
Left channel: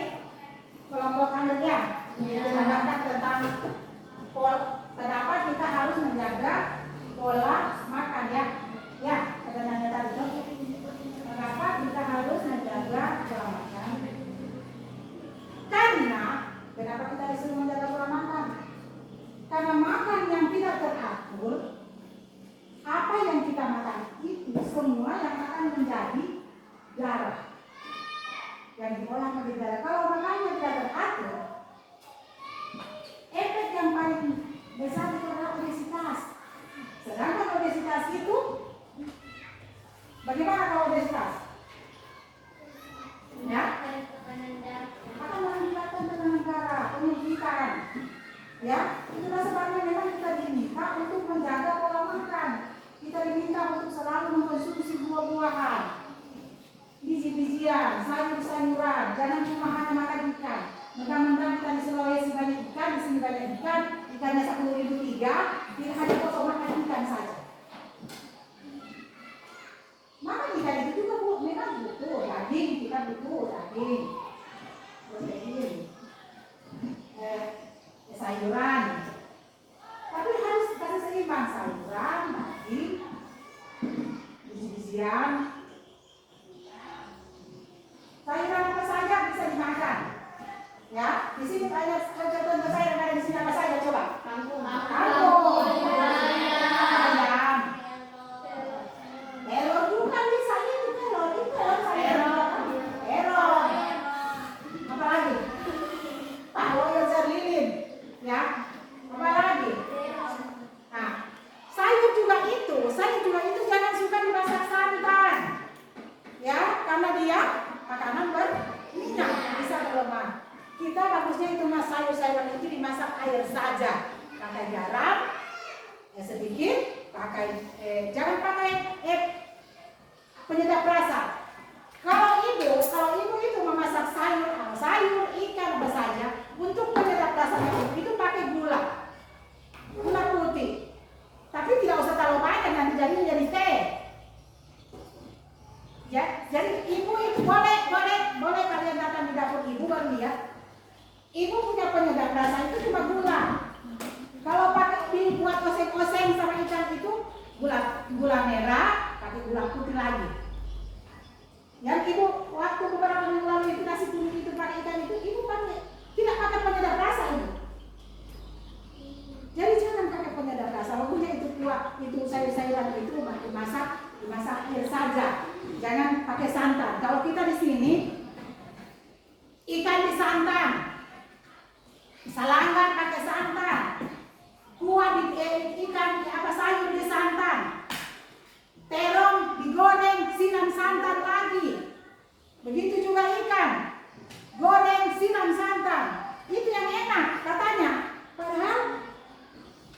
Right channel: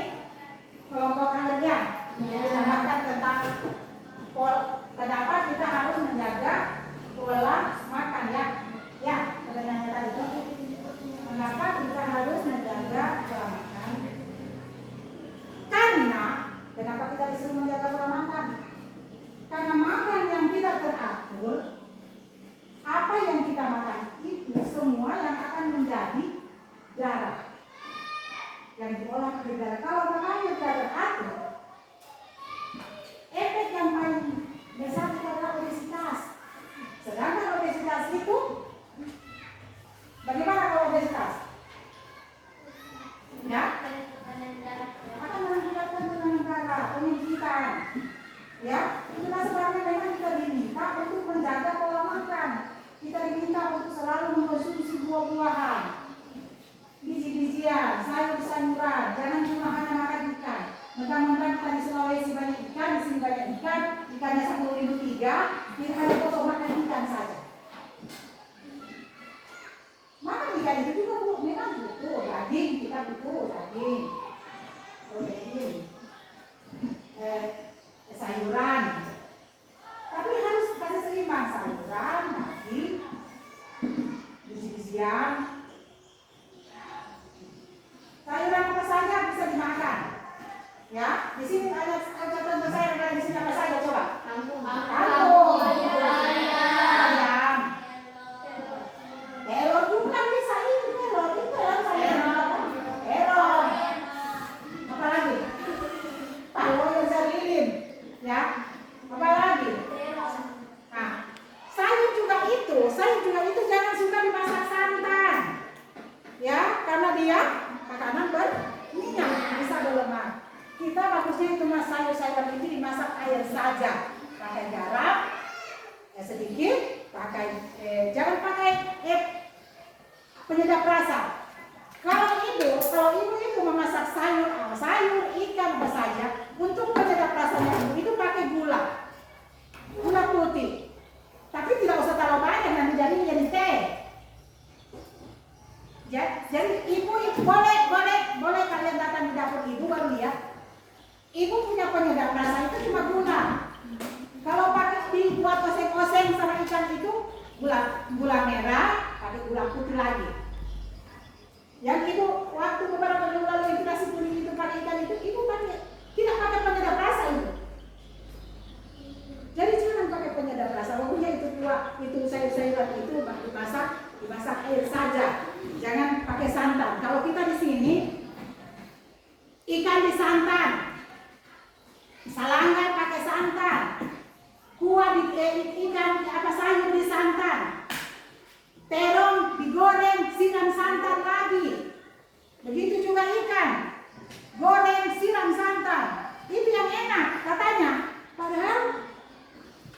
kelompok kalian. Mendengarkan tentang kenapa kita harus menjaga pola makan ya. Ya, pertanyaannya tadi itu. Kenapa kita harus menjaga pola makan? Karena kenapa kita disuruh menjaga pola makan? Karena makan yang tidak teratur, apa yang kita makan itu semua yang akan menjadi darah yang diolah menjadi darah. Kalau makannya tidak teratur, efek yang paling besar itu adalah obesitas. Sedangkan obesitas itu, bagaimana kalau obesitas? Ya, akan mengakibatkan tekanan darah, penyekitan. Ya, itulah sebabnya memang kita diminta untuk menjaga pola makan. Kita diminta untuk selalu mengkonsumsi buah-buahan, biji-bijian, sayur-sayuran, jangan cuma hanya makan ikan. Mentang-mentang kita di Sulawesi banyak ikan, di sini banyak ikan, ikannya 10.003, kita hanya pokok makan ikan saja. Makan ikan itu juga memang butuh daging, kita butuh daging, protein, sayuran. Tapi harus kasih seimbang, sayuran, daging, biji-bijian. Sayuran apa saja bisa dimakan. Ya, di sini ada contoh sayur dari di sini apa saja coba? Kangkung, ayam, telur bukan bisa ini telur terong, apa lagi? Tahu yang lilin, ya, apa lagi? Nah, sayur juga itu jangan suka dimasak santan, ya, karena dia makanan berminyak, bisa berlemak. Kita bagusnya itu sayur-sayuran itu dimasak air saja, pakai garam sedikit, jangan pakai penyedap rasa. Kalau ibu itu memasak sayur, ikan apa saja, untuk penyedap rasanya itu pakai gula putih. Tapi tidak usah terlalu banyak, nanti jadi teh. Ya, jadi ibu itu boleh kalian datang di dapur ibu baru lihat. Ibu punya penyedap rasa itu cuma gula. Kalau pakai dibuat oseng-oseng sama ikan itu gula merah, pakai gula putih lagi. Yang ibu waktu beberapa minggu lalu itu nasi kuning itu pakai ikan itu, ibu tidak pakai penyedap rasa itu. Jadi jangan pakai penyedap rasa. Walaupun itu kuah, itu sayur-sayuran itu dimasak air saja. Jangan pakai santan. Kalau kita di sini ikan disantan, salanggar pakai santan, kuah ikan sayur disantan, terong digoreng siram santan lagi. Begitu juga ikan goreng siram santan. Itu yang enak katanya. Padahal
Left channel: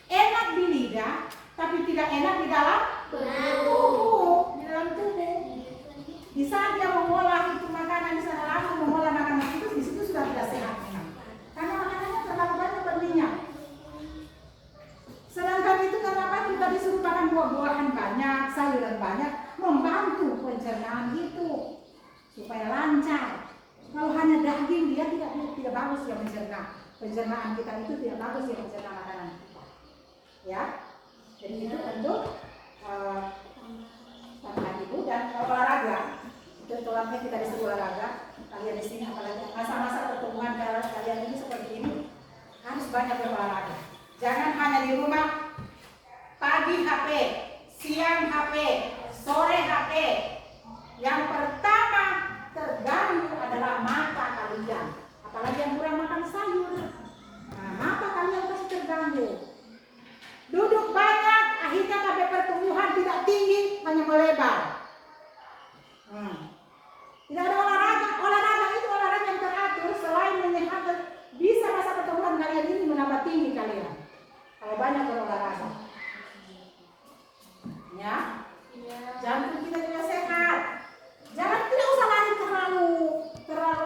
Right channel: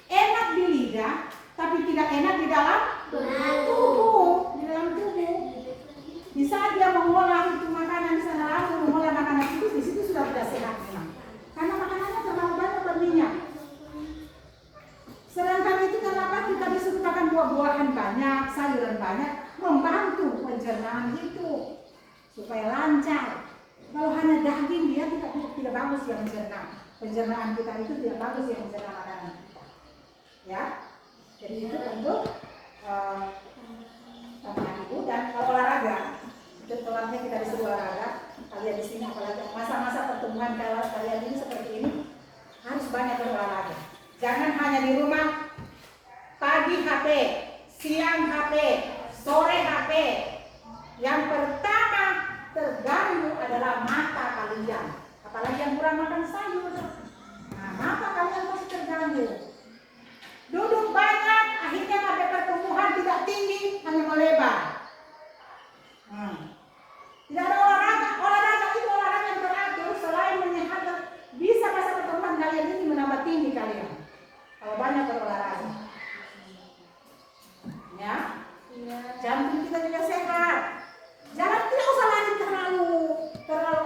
enak di lidah, tapi tidak enak di dalam tubuh. Di dalam tubuh. Di saat dia mengolah itu makanan, di sana langsung mengolah makanan itu, di situ sudah tidak sehat memang. Karena makanannya terlalu banyak berminyak. Sedangkan itu kenapa kita disuruh makan buah-buahan banyak, sayuran banyak, membantu pencernaan itu supaya lancar. Kalau hanya daging dia tidak bagus ya mencerna. Pencernaan kita itu tidak bagus ya mencerna makanan kita. Ya, jadi itu untuk tambahan ibu dan olahraga. Itu telatnya kita disuruh olahraga. Kalian di sini apalagi masa-masa pertemuan kalian ini seperti ini harus banyak berolahraga. Jangan hanya di rumah pagi HP, siang HP, sore HP. Yang pertama terganggu adalah mata kalian. Apalagi yang kurang makan sayur. Nah, mata kalian pasti terganggu. Duduk banyak, akhirnya sampai pertumbuhan tidak tinggi, hanya melebar. Tidak ada olahraga. Olahraga itu olahraga yang teratur. Selain menyehatkan, bisa masa pertumbuhan kalian ini menambah tinggi kalian. Kalau banyak berolahraga. Ya, jantung kita juga sehat. Jangan, tidak usah lari terlalu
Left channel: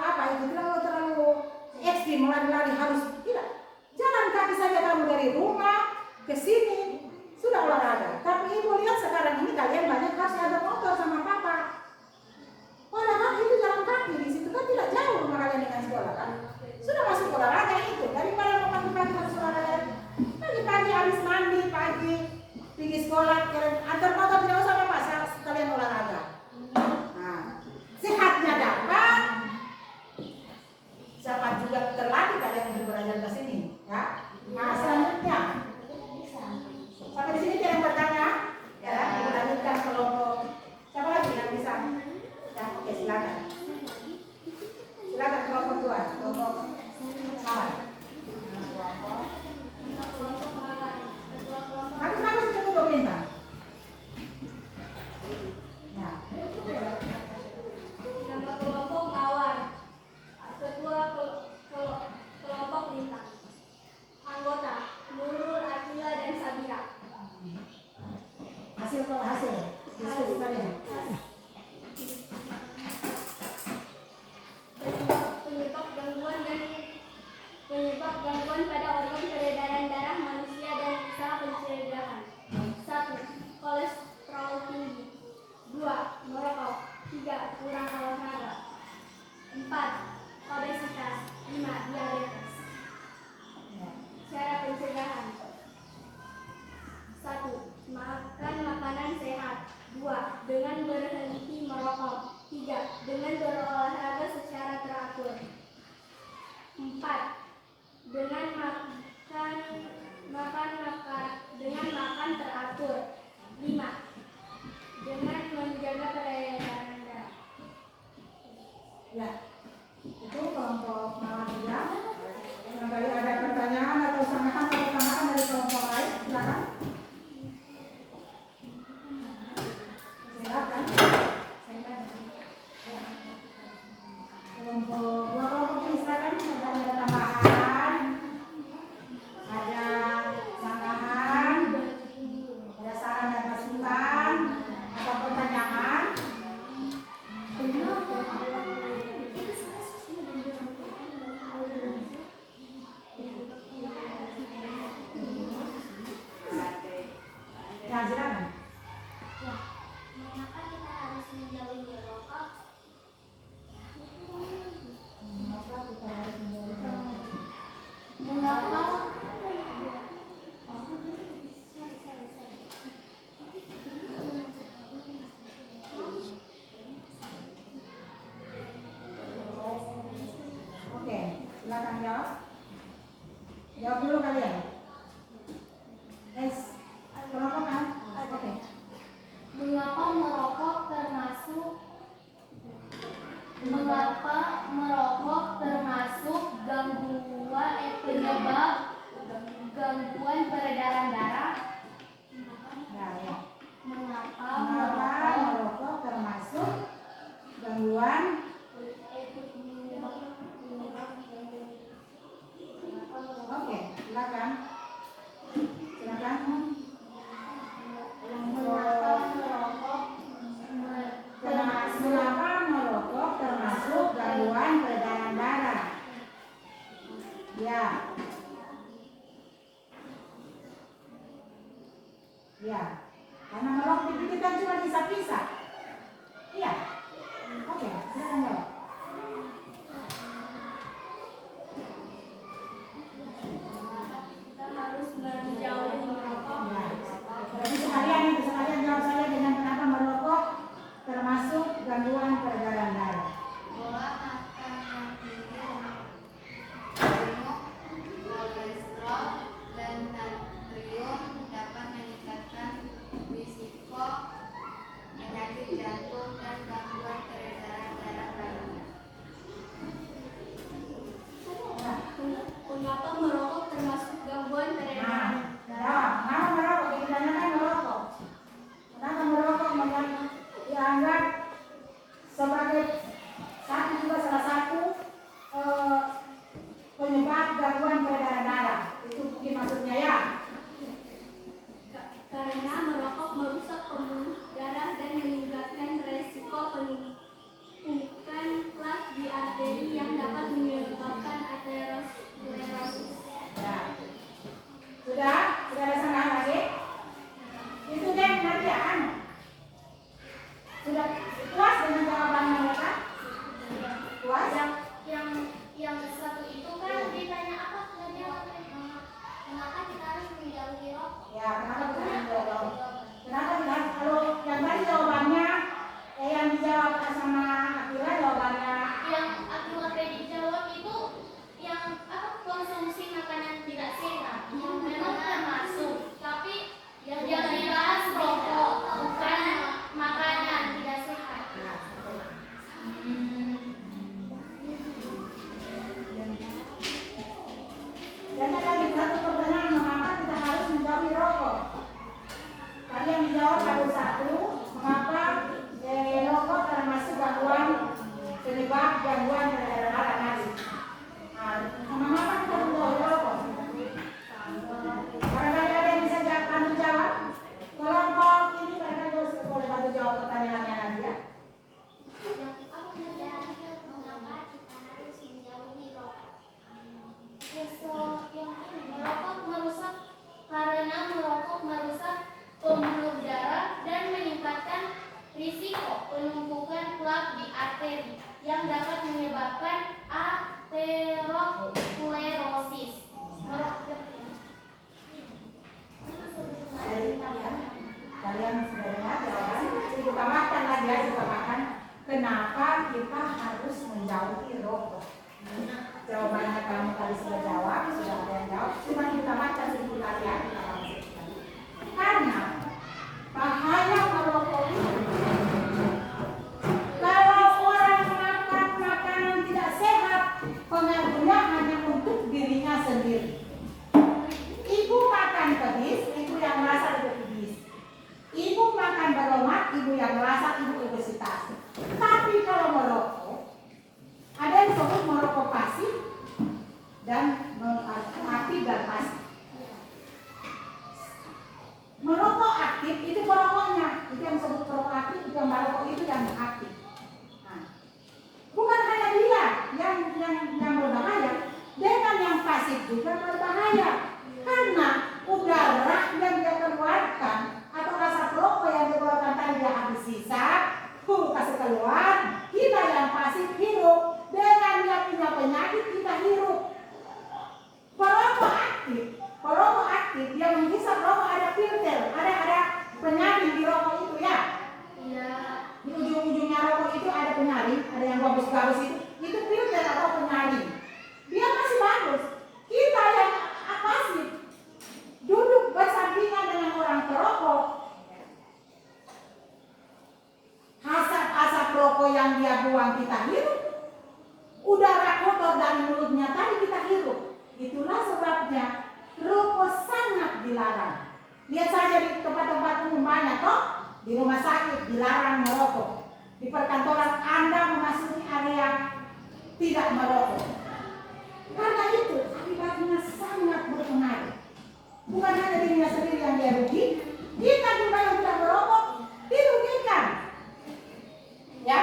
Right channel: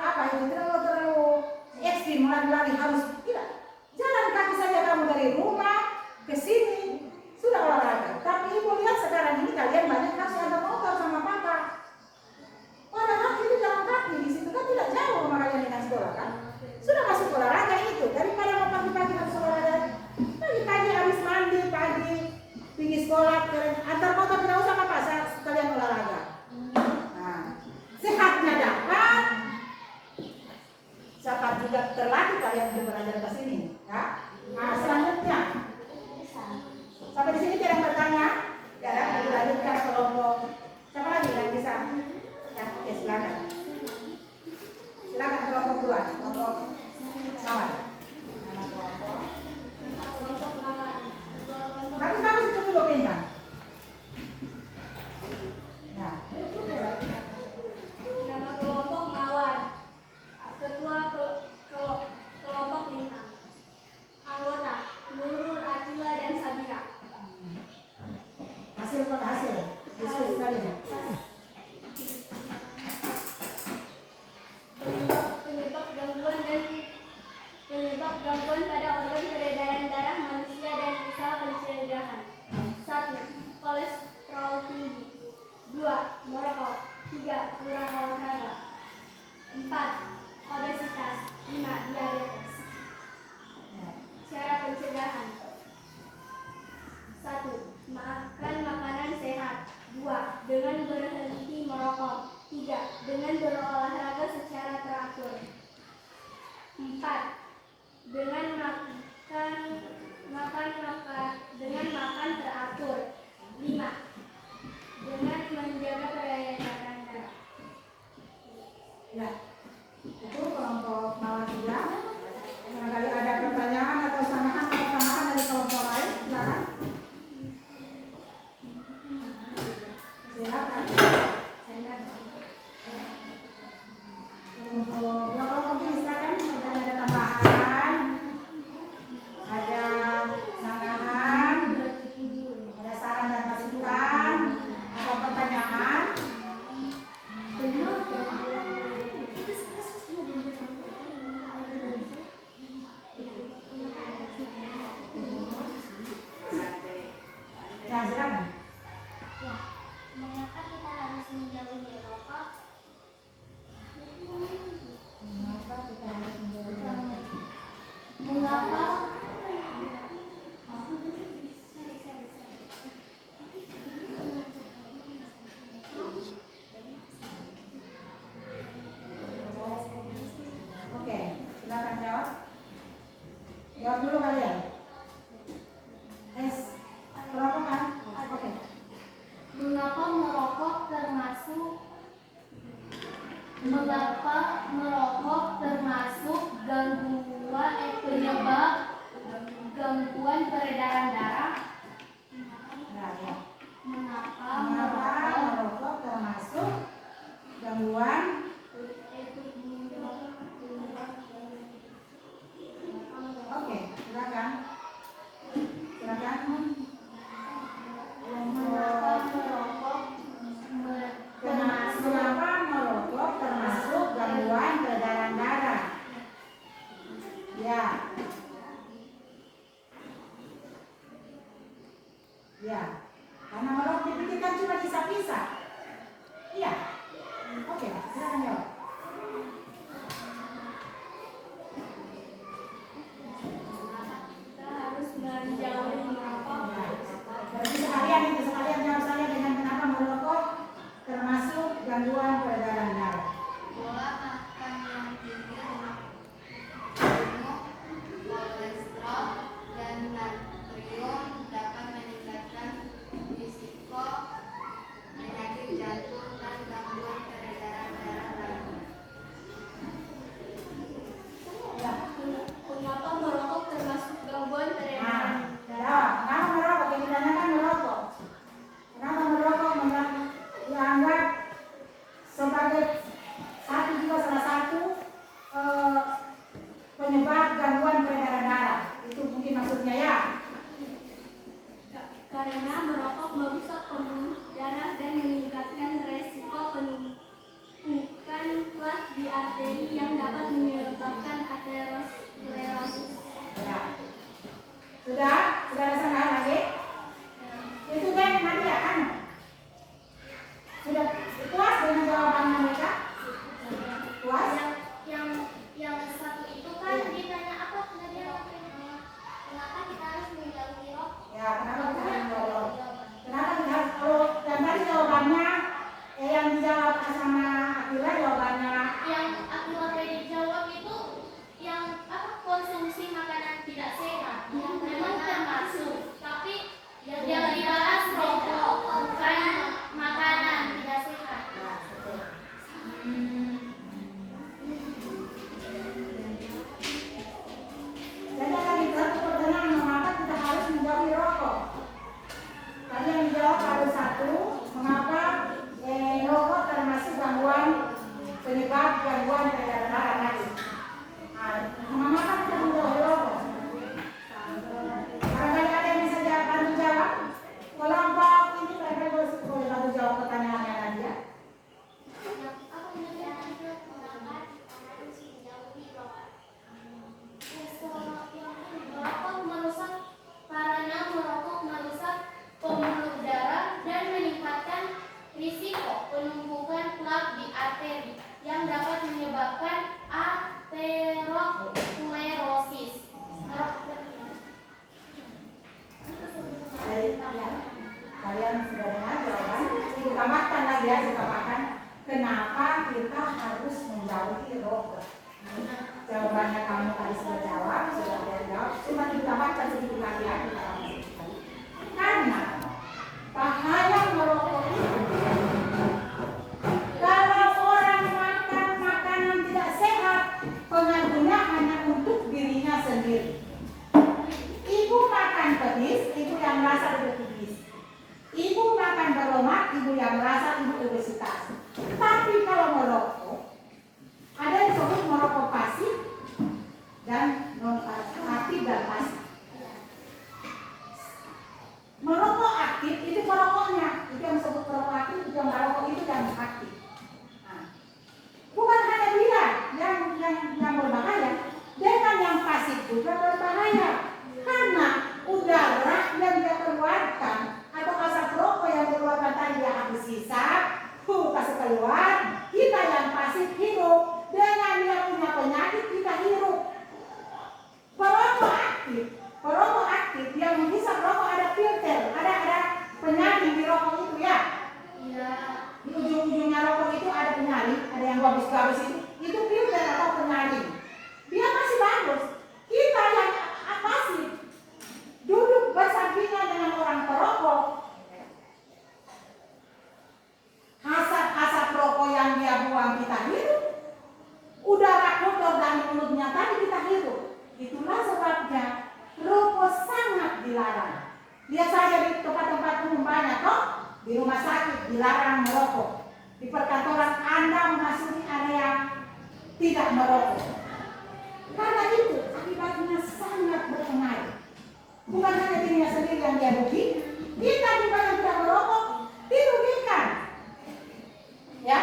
apa itu, terlalu ekstrim, lari harus tidak. Jalan kaki saja kamu dari rumah ke sini sudah olahraga. Tapi ibu lihat sekarang ini kalian banyak harus ada motor sama papa. Padahal itu jalan kaki di situ kan tidak jauh sama kalian dengan sekolah kan. Sudah masuk olahraga itu daripada mau pagi-pagi harus olahraga. Pagi-pagi habis mandi pagi pergi sekolah antar motor tidak usah apa sekalian olahraga. Nah, sehatnya dapat, cepat juga terlatih kalian untuk belajar ke sini. Ya. Nah, selanjutnya sampai di sini tidak ada bertanya. Ya, kita lanjutkan kelompok. Siapa lagi yang bisa? Ya, oke, silakan. Silakan kelompok 2, kelompok sama. Nama kelompok. Tapi kami sudah dulu bintang. Ya. Nama kelompok Mawar. Ketua kelompok Bintang. Anggota Nurul, Akila, dan Sabira. Hasil diskusi kalian. Penyebab gangguan pada organ peredaran darah manusia dan usaha pencegahan. 1. Kolesterol tinggi. 2. Merokok. 3. Kurang olahraga. 4. Obesitas. 5. Diabetes. Cara pencegahan. 1. Makan makanan sehat. 2. Dengan berhenti merokok. 3. Dengan berolahraga secara teratur. 4. Dengan makan teratur. 5. Dengan menjaga peredaran darah. Ya, itu kelompok Mawar bilang. Barangkali ada pertanyaan atau tambahan dari kelompok lain, silakan. Silakan. Kelompok ini silakan. Ada tambahan, ada sanggahan, ada saran dan masukan, atau pertanyaan. Ya, silakan. Mengapa kita harus menjauhi merokok? Mengapa Oke, silakan jawab. Jawab dulu kalian. Kelompok kan? Oke. Mengapa merokok termasuk penyebab gangguan peredaran darah? Ya. Mengapa Mengapa merokok termasuk gangguan? Oke, silakan. Silakan. Mengapa merokok termasuk gangguan peredaran darah? Ya. Ya. Karena merokok itu kan cuma bisa-bisa. Iya. Oke, silakan jawab. Kita harus menjauhi merokok. Berarti sekalian jawab saja dengan kenapa merokok termasuk gangguan peredaran darah. Pola makan yang tinggi lemak jenuh, kolesterol, dan natrium dapat meningkatkan risiko arteri yang dapat menyebabkan aterosklerosis. Kalian sudah dengar jawaban? Ibu tambahkan lagi ya, tambahkan. Kenapa kita harus menjauhi rokok? Jawabannya kamu tadi sudah jawab, sudah ada yang jawab. Cuma ibu tambahkan sedikit lagi ya. Karena bahaya merokok itu, kalau orang makan makanan tidak sehat, pengaruhnya hanya untuk dirinya sendiri. Ibu makan pedis, ibu yang merasa ibu pedis. Ibu makan berlemak, ibu yang merasa ibu obesitas. Tapi kalau merokok, ada yang disebut merokok pasif dan non aktif dan pasif. Merokok aktif itu merokoknya, itu yang disebut merokok aktif, itu yang merokok itu yang aktif. Nah, bukan hanya dia yang berbahaya, dengan yang pasif juga berbahaya. Karena udara yang dia keluarkan atau asap rokok yang dikeluarkan tadi dia habis sisa, kasih keluar, kita yang pasif hirup. Dengan yang punya penyakit kita hirup. Perokok aktif yang menghisap rokok ada filter, ada penyaring di rokok itu ya. Iya. Di ujung-ujungnya rokok itu ada penyaring, ada yang gabus-gabus itu filter atau penyaring. Dia masih bagus. Kita yang pasif duduk bersampingan dengan orang perokok. Asap rokok yang dia buang kita hirup. Udara kotor dari mulutnya tadi kita hirup. Itulah sebabnya rokok sangat dilarang. Lihat saja di tempat-tempat umum banyak toh, di rumah sakit dilarang merokok. Di perkantoran Anda memasuki area tidak merokok. Karena itu akibatnya sangat berpengaruh. Bukan hanya dirinya sendiri yang dia rugi, kita juga yang tidak merokok dirugikan. Ya?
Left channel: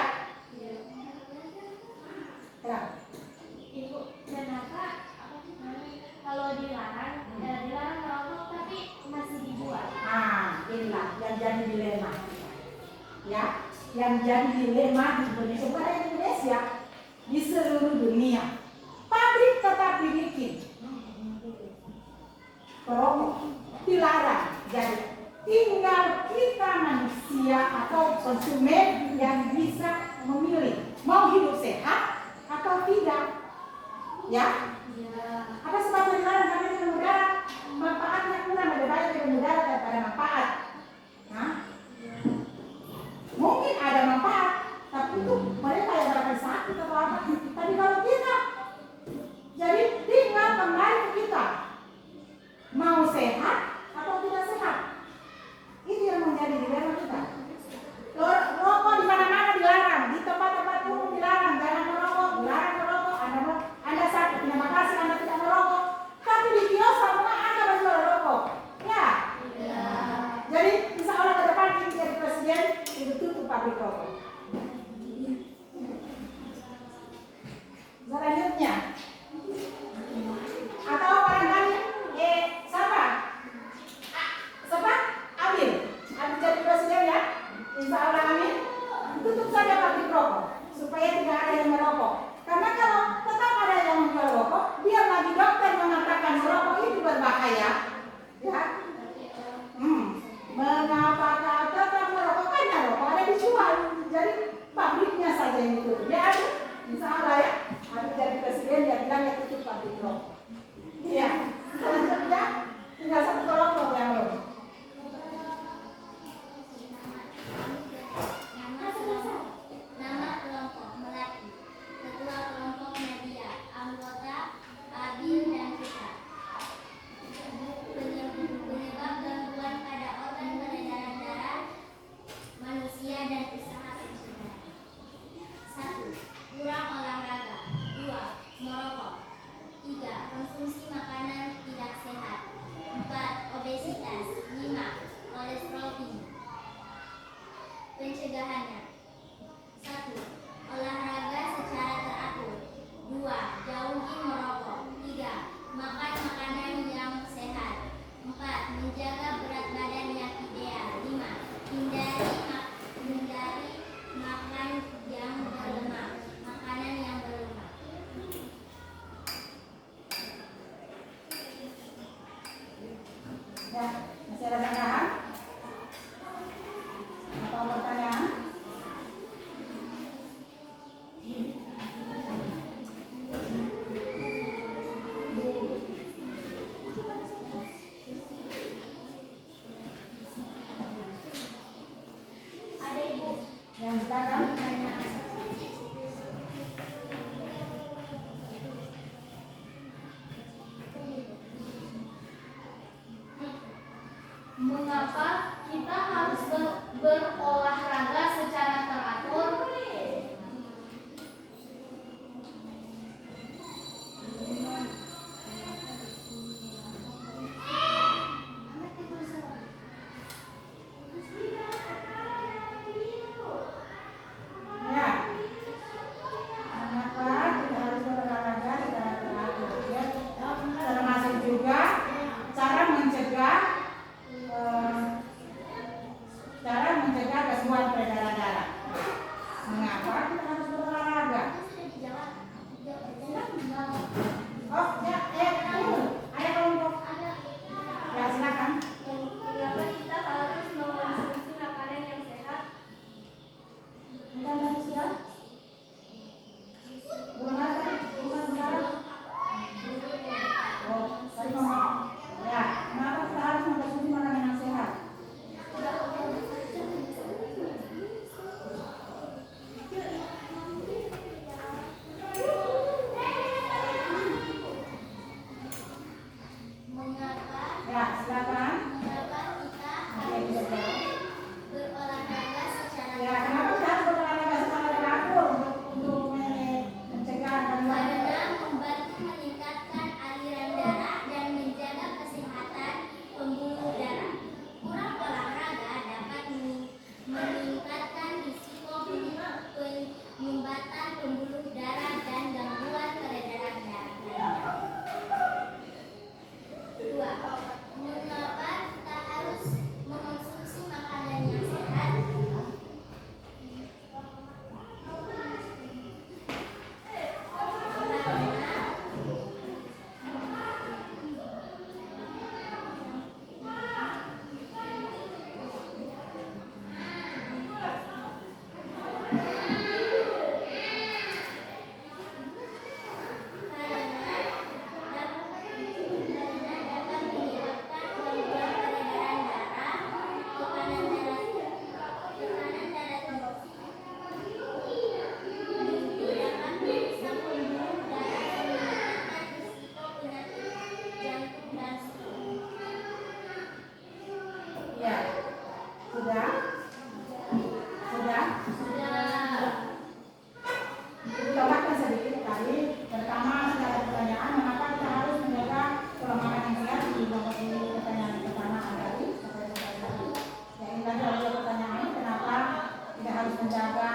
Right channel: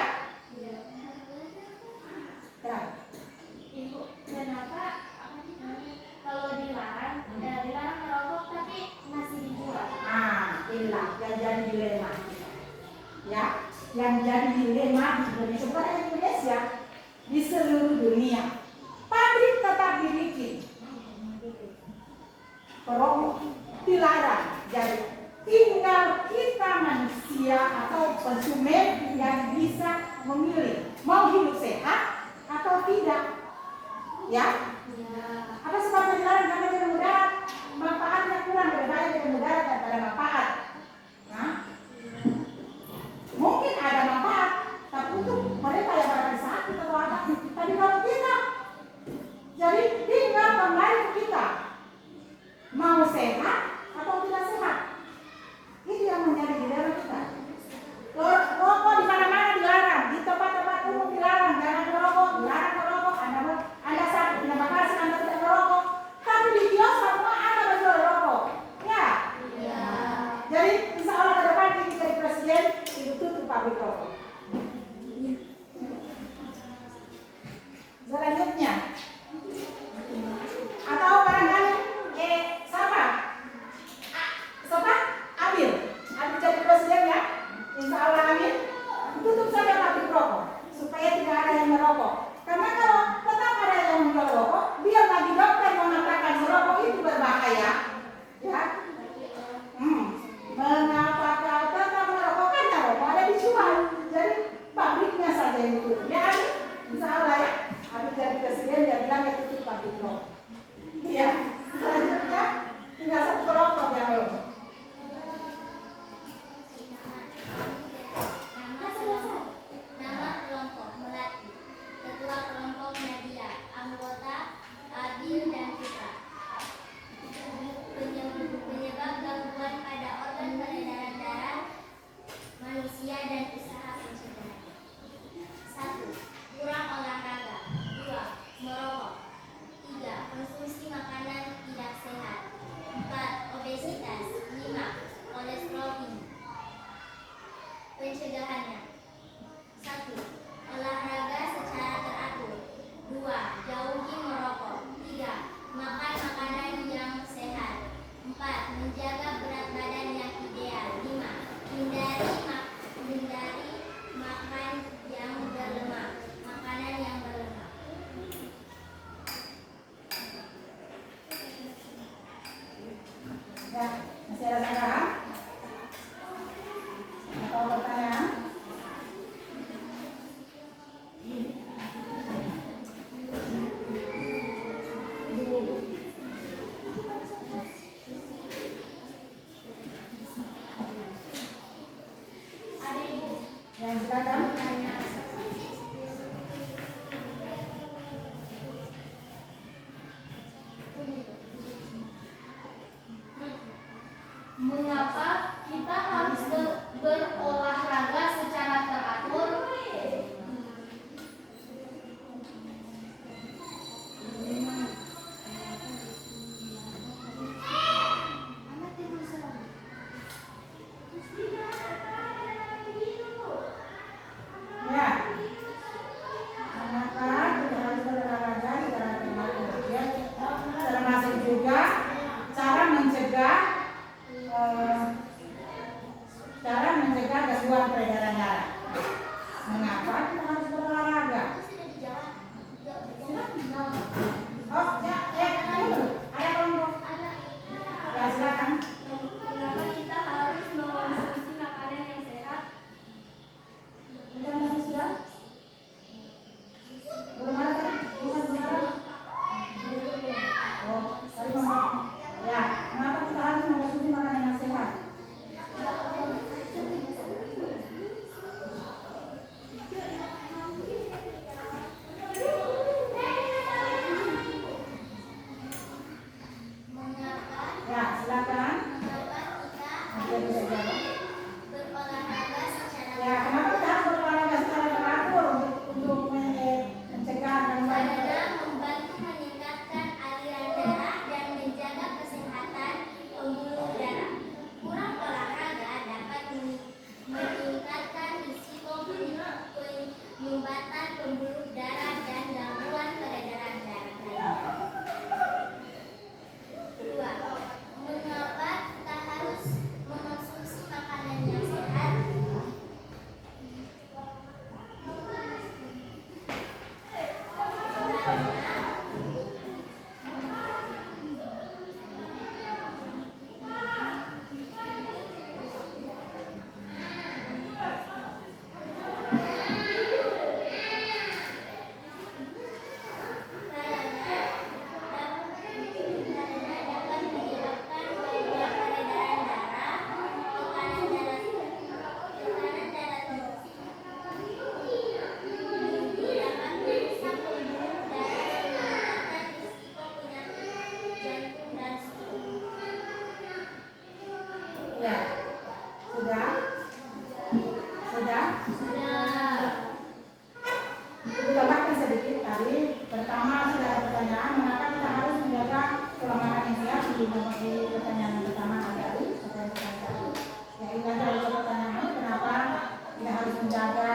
Kenapa? Ibu, kenapa kalau dilarang merokok tapi masih dijual? Inilah yang jadi dilema. Ya, yang jadi dilema di Indonesia, bukan di Indonesia, di seluruh dunia. Pabrik tetap dibikin, perokok dilarang. Jadi tinggal kita manusia atau konsumen yang bisa memilih mau hidup sehat atau tidak. Ya? Apa sebabnya dilarang? Karena dia mengudara, manfaatnya kurang, lebih banyak dia mengudara daripada manfaat. Nah, mungkin ada manfaat, tapi untuk mereka yang barangkali sakit atau apa. Tapi kalau kita, jadi tinggal kembali ke kita, mau sehat atau tidak sehat. Itu yang menjadi dilema kita. Rokok di mana-mana dilarang, di tempat-tempat umum dilarang, jangan merokok, dilarang merokok. Anda sakit, terima kasih Anda tidak merokok. Tapi di kios semua Anda menjual rokok, ya. Jadi insya Allah ke depan ini jadi presiden, itu tutup pabrik rokok. Selanjutnya, atau barangkali siapa? Ambil jadi presiden ya. Insya Allah amin. Tutup saja pabrik rokok supaya tidak ada yang merokok. Karena kalau tetap ada yang menjual rokok, dia lagi dokter mengatakan merokok itu berbahaya. Ya. Mengapa kau tetap merokok? Karena rokok ada dijual. Jadi pabriknya saja yang tutup. Ya, insya Allah ya. Habis jadi presiden dia bilang ya tutup pabrik rokok. Iya. Selanjutnya tinggal satu kelompok yang belum. Nama kelompok Melati. Ketua kelompok Nadia. Anggota Abil dan Putra. Penyebab gangguan pada organ peredaran darah manusia dan usaha pencegahan. 1. Kurang olahraga. 2. Merokok. 3. Konsumsi makanan tidak sehat. 4. Obesitas. 5. Kolesterol tinggi. Pencegahannya. 1. Olahraga secara teratur. 2. Jauhi merokok. 3. Makan makanan yang sehat. 4. Menjaga berat badan yang ideal. 5. Hindari makan yang pengobatan pembuluh darah dan gangguan peredaran darah lainnya. 2. Mengapa tak harus mengonsumsi makanan yang sehat? Ya, sudah? Sudah? Ditambahkan sedikit tadi. Pertama sudah ada pertanyaan, mengapa kita harus menjaga pola makan yang sehat di pertanyaan yang pertama tadi. Ya, ini ada pertanyaan, kenapa kita harus menjaga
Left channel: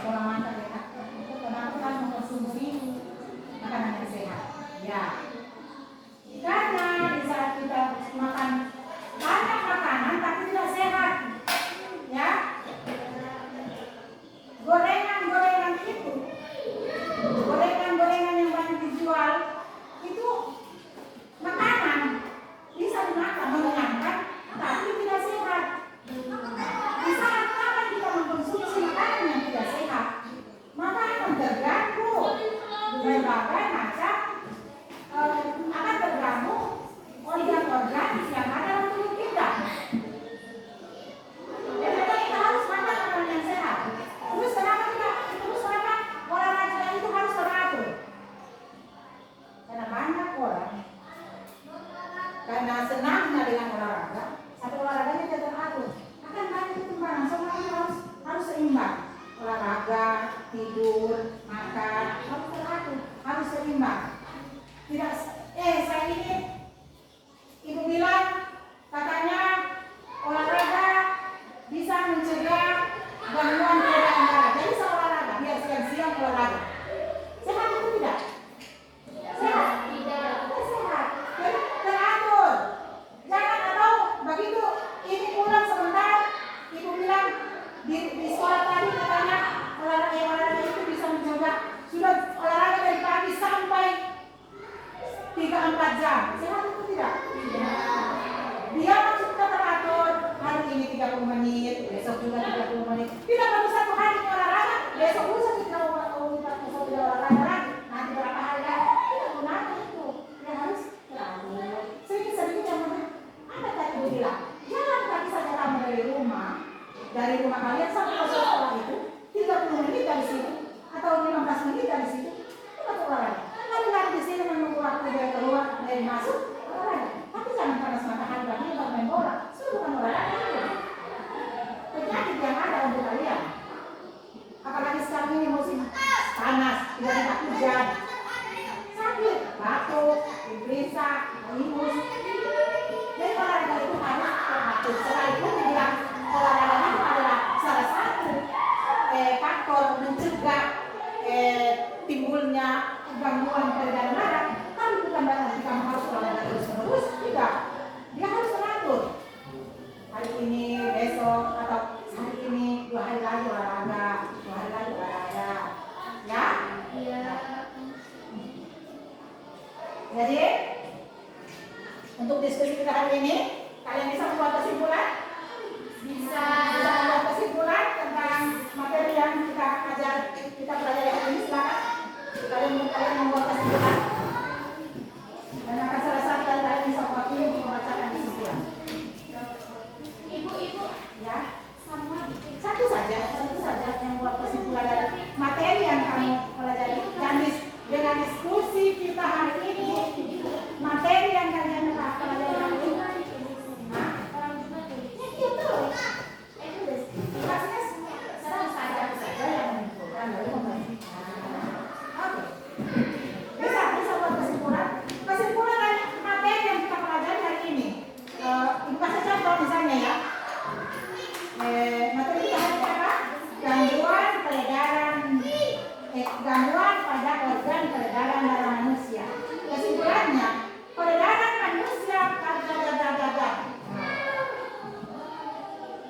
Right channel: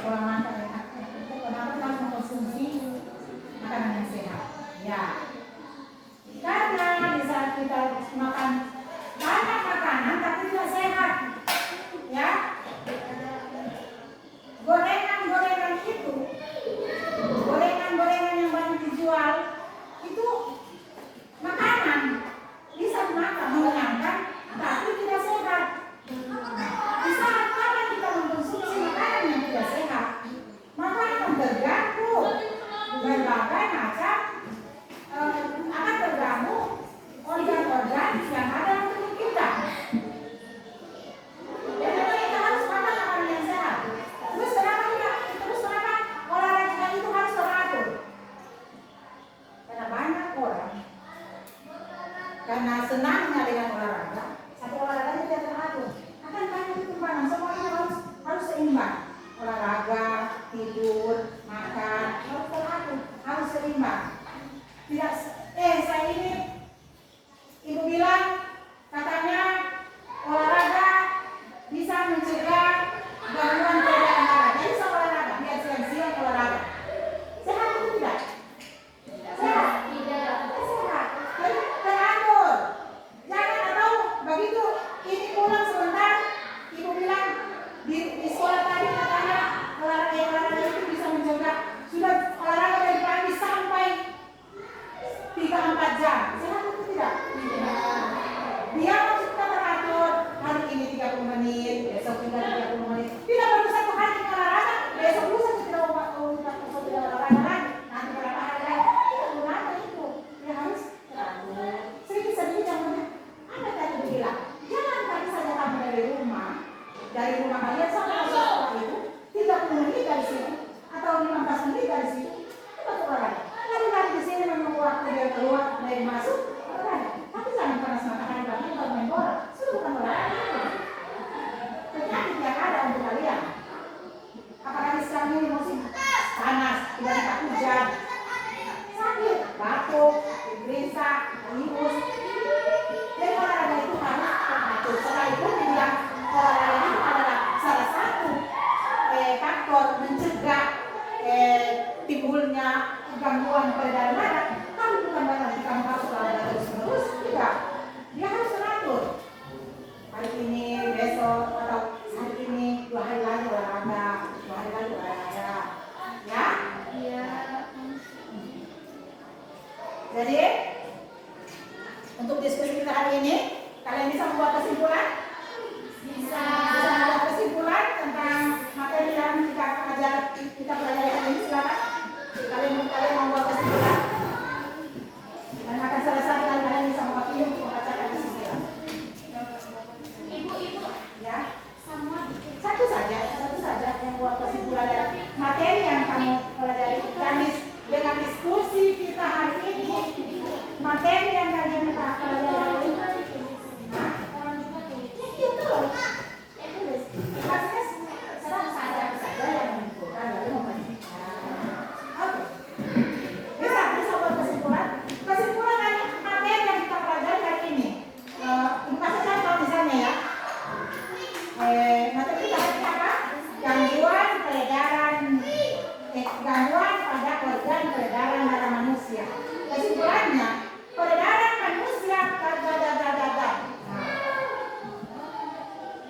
pola makan yang sehat? Kenapa kita harus mengkonsumsi makanan yang sehat? Ya, karena di saat kita makan banyak makanan tapi tidak sehat, ya, gorengan itu, gorengan yang banyak dijual itu makanan bisa dimakan, mengenyangkan, tapi tidak sehat. Di saat kapan kita mengkonsumsi makanan yang tidak sehat, maka akan terganggu berbagai macam akan terganggu organ-organ yang ada dalam tubuh kita. Jadi kita harus makan makanan yang sehat. Terus kenapa olahraga itu harus teratur? Karena banyak orang karena senangnya dengan olahraga, atau olahraganya tidak teratur, akan banyak ketimpangan. Semua itu harus seimbang. Olahraga, tidur, makan harus teratur, harus seimbang. Tidak, saya ini ibu bilang katanya olahraga bisa mencegah gangguan peredaran darah. Jadi saya olahraga, biar siang-siang olahraga. Sehat itu tidak? Sehat? Tidak. Sehat. Jadi teratur. Jangan atau begitu ini pulang sebentar, ibu bilang di sekolah tadi katanya olahraga itu bisa mencegah. Sudah olahraga dari pagi sampai 3-4 jam. Sehat itu tidak? Tidak. Dia harus kita teratur. Hari ini 30 menit, besok juga 30 menit. Tidak baru satu hari olahraga, besok lusa kita olahraga lagi. Nanti berapa hari lagi? Tidak gunanya itu. Dia harus teratur. Sedikit-sedikit yang mana? Ada tadi bilang, jangan kaki saja kamu dari rumah kalian sampai ke sekolah itu 30 menit dari sini atau 15 menit dari sini. Kita olahraga. Lari-lari di sini menunggu waktu dari keluar, dari masuk, olahraga. Tapi jangan panas matahari lagi baru main bola. Sudah bukan olahraga itu. Penyakit yang ada untuk kalian. Apalagi sekarang ini musim panas, tiba-tiba hujan, sakit, batuk, influenza, virus. Jadi olahraga itu harus teratur. Setelah itu dibilang olahraga itu adalah salah satu faktor mencegah timbulnya gangguan peredaran darah. Kan bukan berarti kamu harus olahraga terus-menerus, tidak. Dia harus teratur. Hari ini, besok, atau hari ini 2 hari lagi olahraga, 2 hari lagi olahraga, ya? Iya. Jadi untuk diskusi kita hari ini, kalian bisa membuat kesimpulan? Bisa membuat kesimpulan tentang materi yang kita pelajari hari ini. Silakan. Kalian membuat kesimpulan dan akan selesai kalian bisa mewakili untuk membacakan kesimpulan. Ibu, Ya, satu saja yang buat kesimpulan dari materi yang kamu pelajari. Dan dengan diskusi kita hari ini, materi yang kalian pelajari hari ini, itu maksudnya satu saja yang menentukan lalu membandingkan. Oke. Bisa buat kesimpulan dari materi yang kita pelajari hari ini. Ini pasal contoh misalnya ya. Materi kita hari ini apa? Gangguan kesimpulannya, peredaran manusia dadadadadada.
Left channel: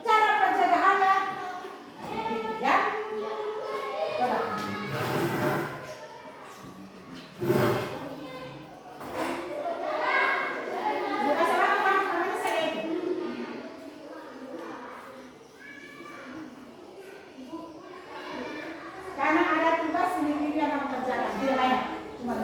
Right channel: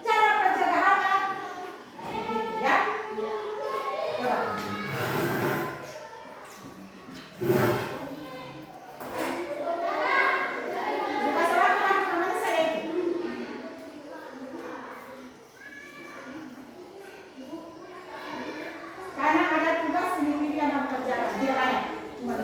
Cara pencegahannya, ya. Coba. Dikasih apa? Namanya saya. Karena ada tugas sendiri yang harus kerjakan. Tidak banyak. Cuma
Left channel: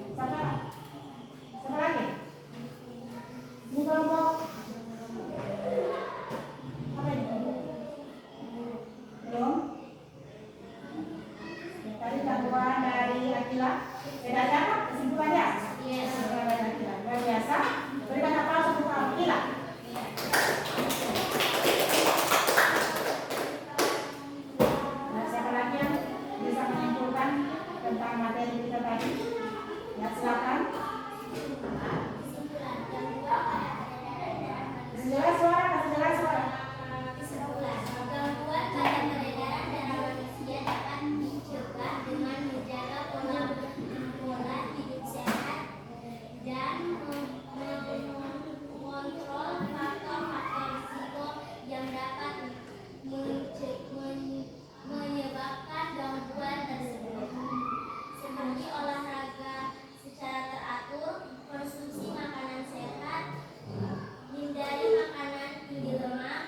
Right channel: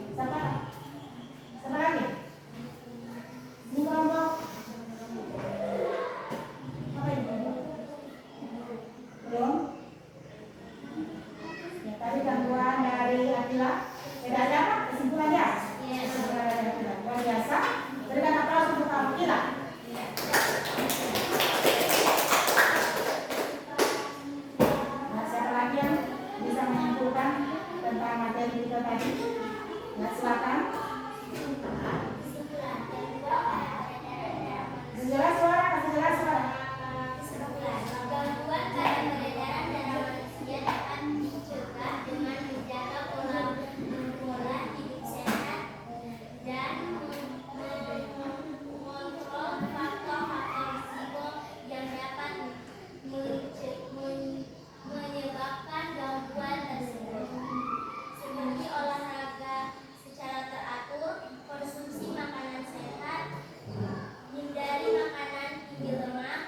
Siapa? Siapa lagi? Ini kelompok apa ini? Belum? Ya, tadi gangguan dari Akila. Beda aja apa? Kesimpulannya? Iya. Luar biasa. Berikan aplaus untuk Akila. Nah, siapa lagi yang bisa menyimpulkan tentang materi kita tadi? Nah, silakan. Jelas suara, kasih jelas suara. Gangguan pada peredaran darah manusia dapat dicegah dengan menjaga pola hidup sehat dan mengontrol faktor-faktor risiko yang dapat menyebabkan gangguan tersebut, seperti olahraga secara teratur, konsumsi makanan sehat, hindari makanan tinggi lemak,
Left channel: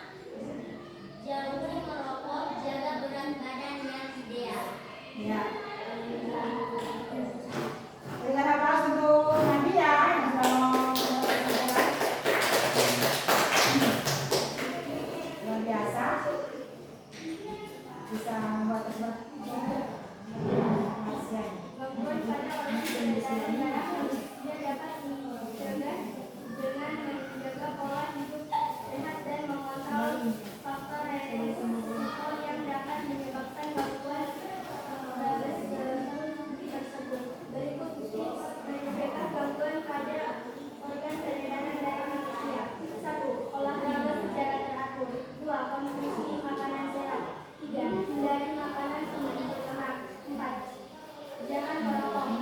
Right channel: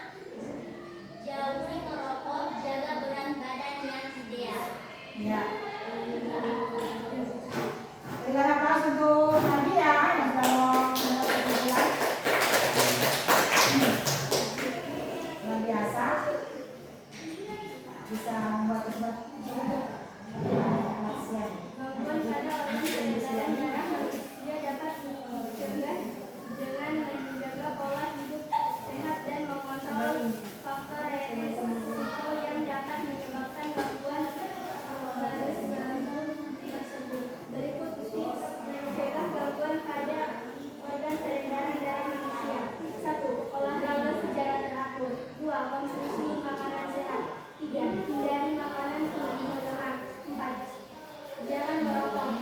jauhi merokok, jaga berat badan yang ideal. Ya. Berikan aplaus untuk Nadia yang luar biasa. Bisa membuat Gangguan pada orang peredaran darah manusia dapat dicegah dengan menjaga pola hidup sehat dan mengontrol faktor resiko yang dapat menyebabkan gangguan tersebut. Berikut tips mencegah gangguan pada organ peredaran darah manusia. 1. Olahraga secara teratur. 2. Konsumsi makanan sehat. 3. Hindari makanan tinggi lemak. 4. Jangan merokok. 5.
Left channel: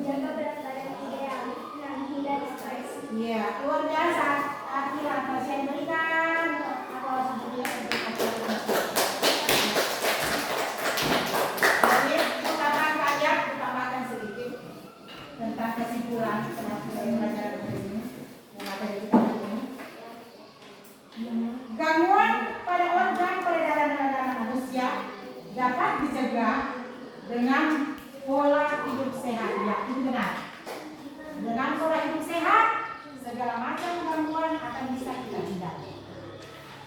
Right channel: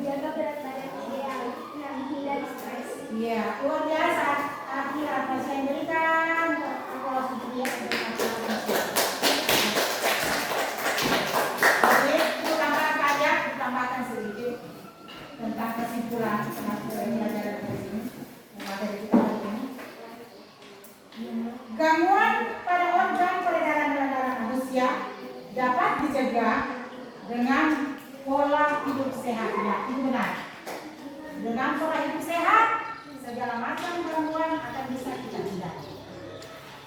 Jaga berat badan ideal. 6. Hindari stres. Iya, luar biasa. Akila masih yang berikan aplaus untuk dia. Oke, untuk tambahan kalian ditambahkan sedikit tentang kesimpulan pelajaran dari sini. Yang materi kita hari ini. Gangguan pada organ peredaran darah manusia dapat dicegah dengan pola hidup sehat. Ya, itu benar. Dengan pola hidup sehat, segala macam gangguan akan bisa kita hindari.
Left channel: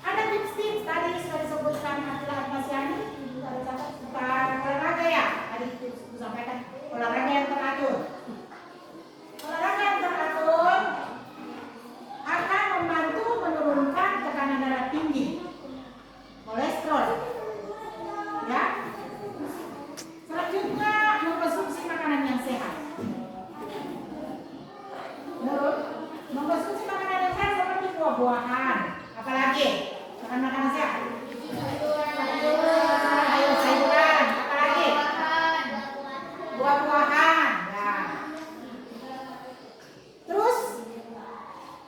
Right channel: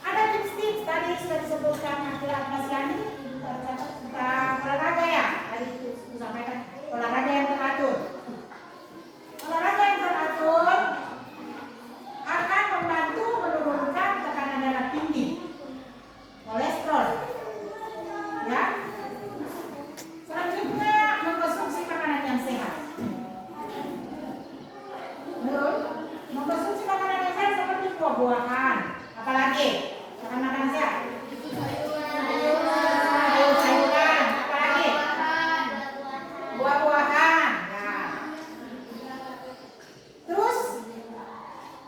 Ada tips-tips tadi sudah disebutkan Akila Masyani tentang olahraga ya. Tadi disampaikan olahraga yang teratur. Olahraga yang teratur akan membantu menurunkan tekanan darah tinggi, kolesterol, ya. Selanjutnya mengkonsumsi makanan yang sehat. Mengkonsumsi makanan yang sehat seperti buah-buahan, apalagi makanan sehat. Sayur-sayuran, apalagi buah-buahan. Nah. Terus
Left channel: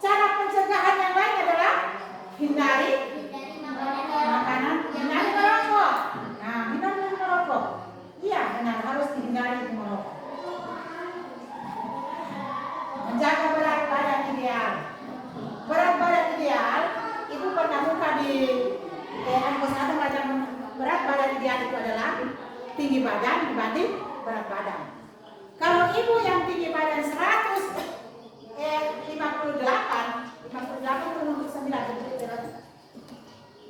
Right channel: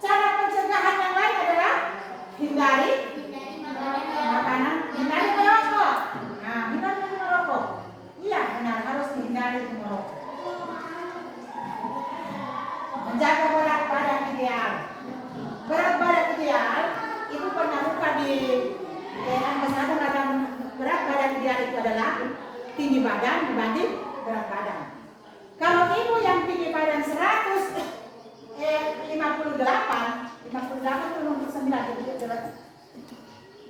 cara pencegahan yang lain adalah hindari makanan, hindari merokok. Nah, hindari merokok. Iya, benar, harus dihindari merokok. Menjaga berat badan ideal. Berat badan ideal itu pernah buka di ada macam berat badan ideal itu adalah tinggi badan dibanding berat badan. Kalau ibu yang tinggi badan 58,9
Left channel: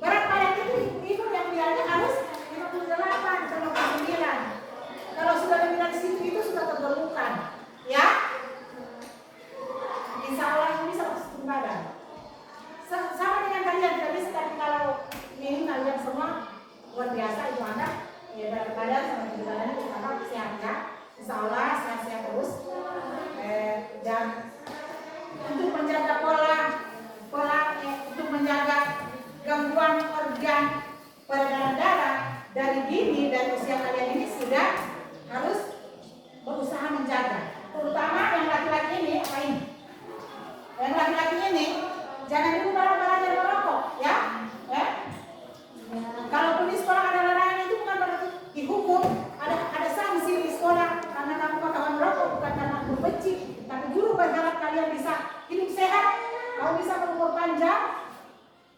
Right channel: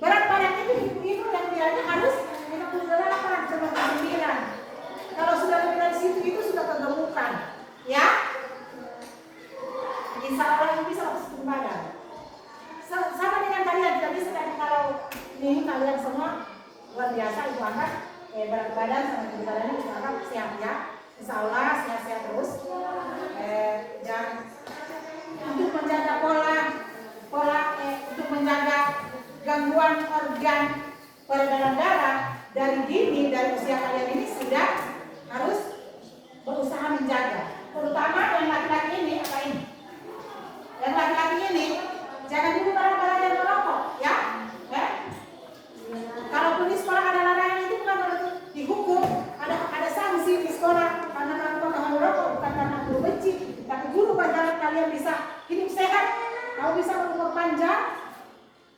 berat badan itu ibu yang idealnya harus 58,9. Kalau sudah lebih dari situ itu sudah tergemukan, ya. Insya Allah ini bisa langsung badan. Sama dengan kalian, tidak bisa tadi kalau ini kalian semua luar biasa itu angkat berat badan sama tinggi badannya itu angkat sehat ya. Insya Allah sehat-sehat terus. Dan untuk menjaga untuk menjaga gangguan organ peredaran darah dari dini, dari usia kalian ini sudah harus berusaha menjaga. Terutama yang laki-laki ini apa ini? Yang laki-laki ini jangan dulu barang-barang yang merokok, ya. Kalaupun di sekolah ada larangan itu bukan berarti dihukum, ada sanksi di sekolah karena kamu bakal merokok, bukan karena kamu benci, tapi dulu bagaimana kalian bisa hidup sehat, kamu bisa berumur panjang,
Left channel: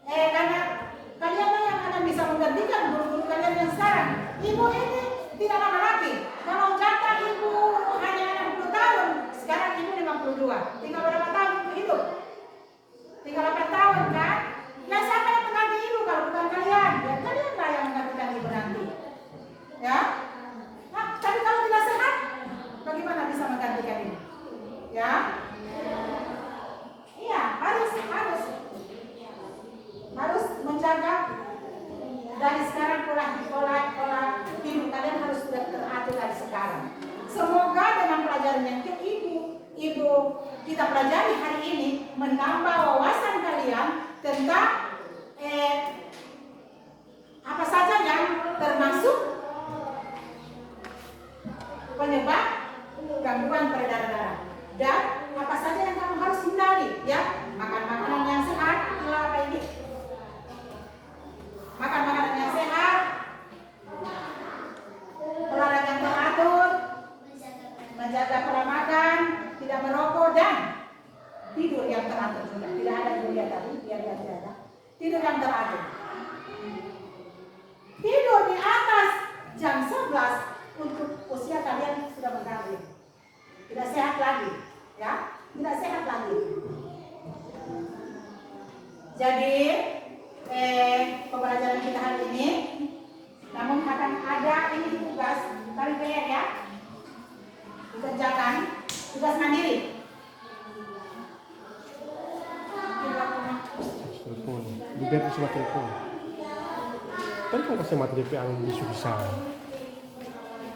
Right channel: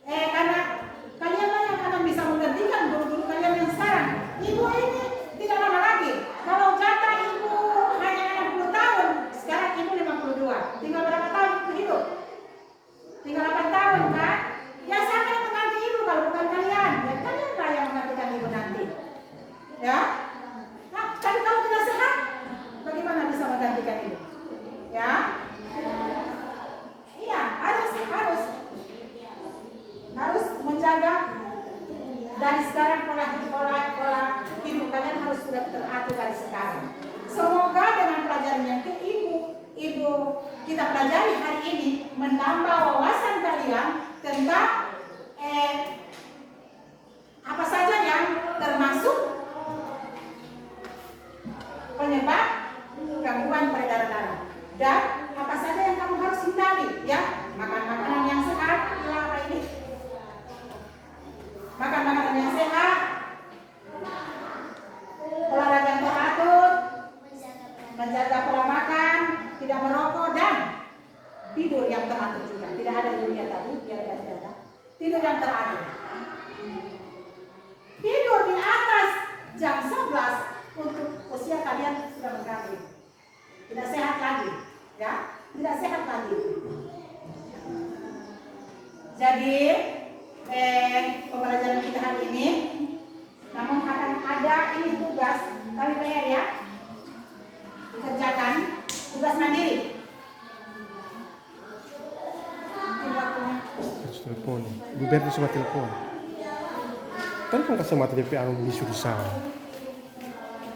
karena kalian lah yang akan bisa menggantikan guru-guru kalian yang sekarang. Ibu ini tidak lama lagi, kalau kata ibu hanya 60 tahun, menggantikan ibu. Ya. Iya, harus menjaga dari sekarang pola hidup kalian harus sudah teratur dari sekarang. Semoga dengan pelajaran yang ibu kita pelajari hari ini menambah wawasan kalian tentang apa saja yang termasuk penyebab gangguan peredaran darah dan apa saja yang kamu harus hindari, ya. Makan makanan yang sehat, apa ini? Makan makanan yang sehat, olahraga yang teratur, menjaga pola makan, tidak merokok, dan tidur yang teratur juga. Tidak ada tidur yang tadi, biar tidak ada. Tidur yang teratur. Tidur di atas jam 11 untuk usia kalian sudah berkarir. Tidak sehat lagi, ya. Tidak sehat lagi. Jadi pembelajaran kita hari ini, namun akan ada ini tugas kalian PR, ya, dikerjakan tugas mandiri. Telepon, biar di semua telepon. Kan kok sama telepon yang susah.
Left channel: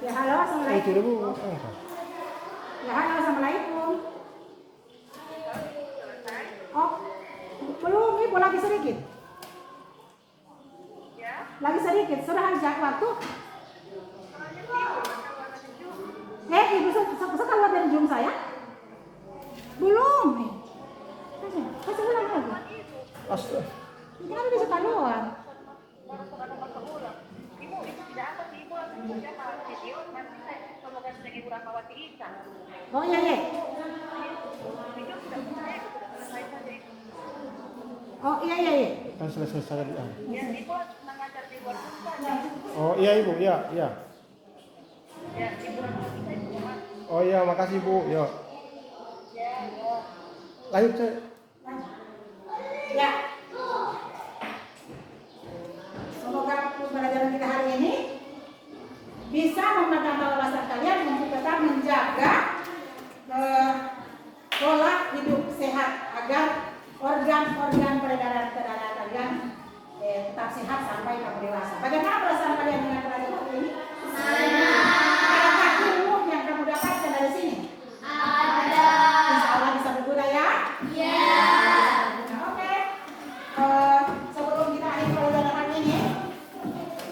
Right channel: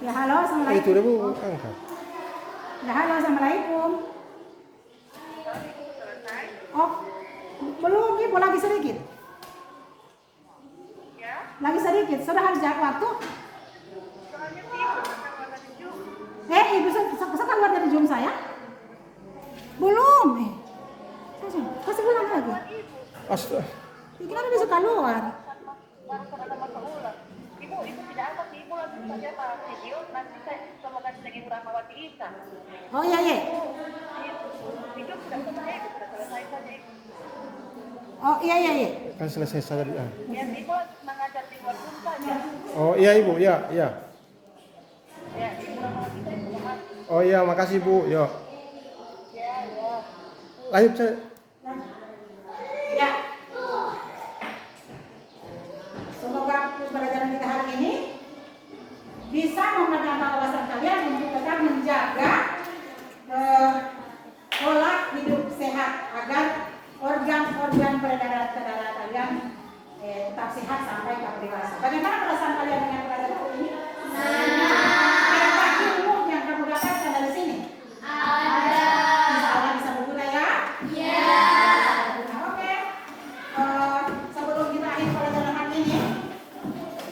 Ya halo, assalamualaikum. Itu dulu angkat. Ya halo, assalamualaikum. Oh, belum, ibu lagi sedikit. Lagi sedikit, sudah habis waktu. Ibu bisa keluar dari Zoom saya? Belum. Kasih pulang lagi. Astaga. Kenapa bisa keluar? Oh iya, iya. Oh iya, iya, iya. Kan selesai saja di Oh iya ibu, ya, ya. Oh iya, makasih bu, yuk. Lanjut saya. Ya. Semoga pembelajaran kita hari ini bisa menambah wawasan kalian untuk tetap menjaga pola hidup sehat agar organ-organ peredaran darah kalian tetap sehat sampai kamu dewasa. Bagaimana perasaan kalian dengan pelajaran hari ini? Adakah ilmu yang kamu dapatkan dari sini? Ada. Insya Allah bisa berguna, ya? Ya. Oke. Sebelum kita akhiri pelajaran hari ini,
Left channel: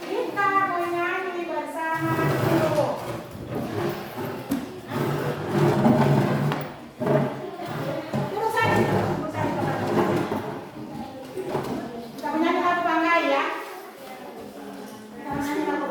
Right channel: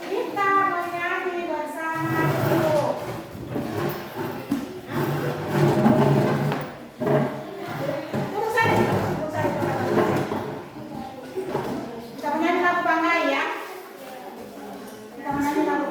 kita menyanyi bersama dulu. Duduk saja. Kita menyanyi lagu Banggai, ya. Kita menyanyi lagu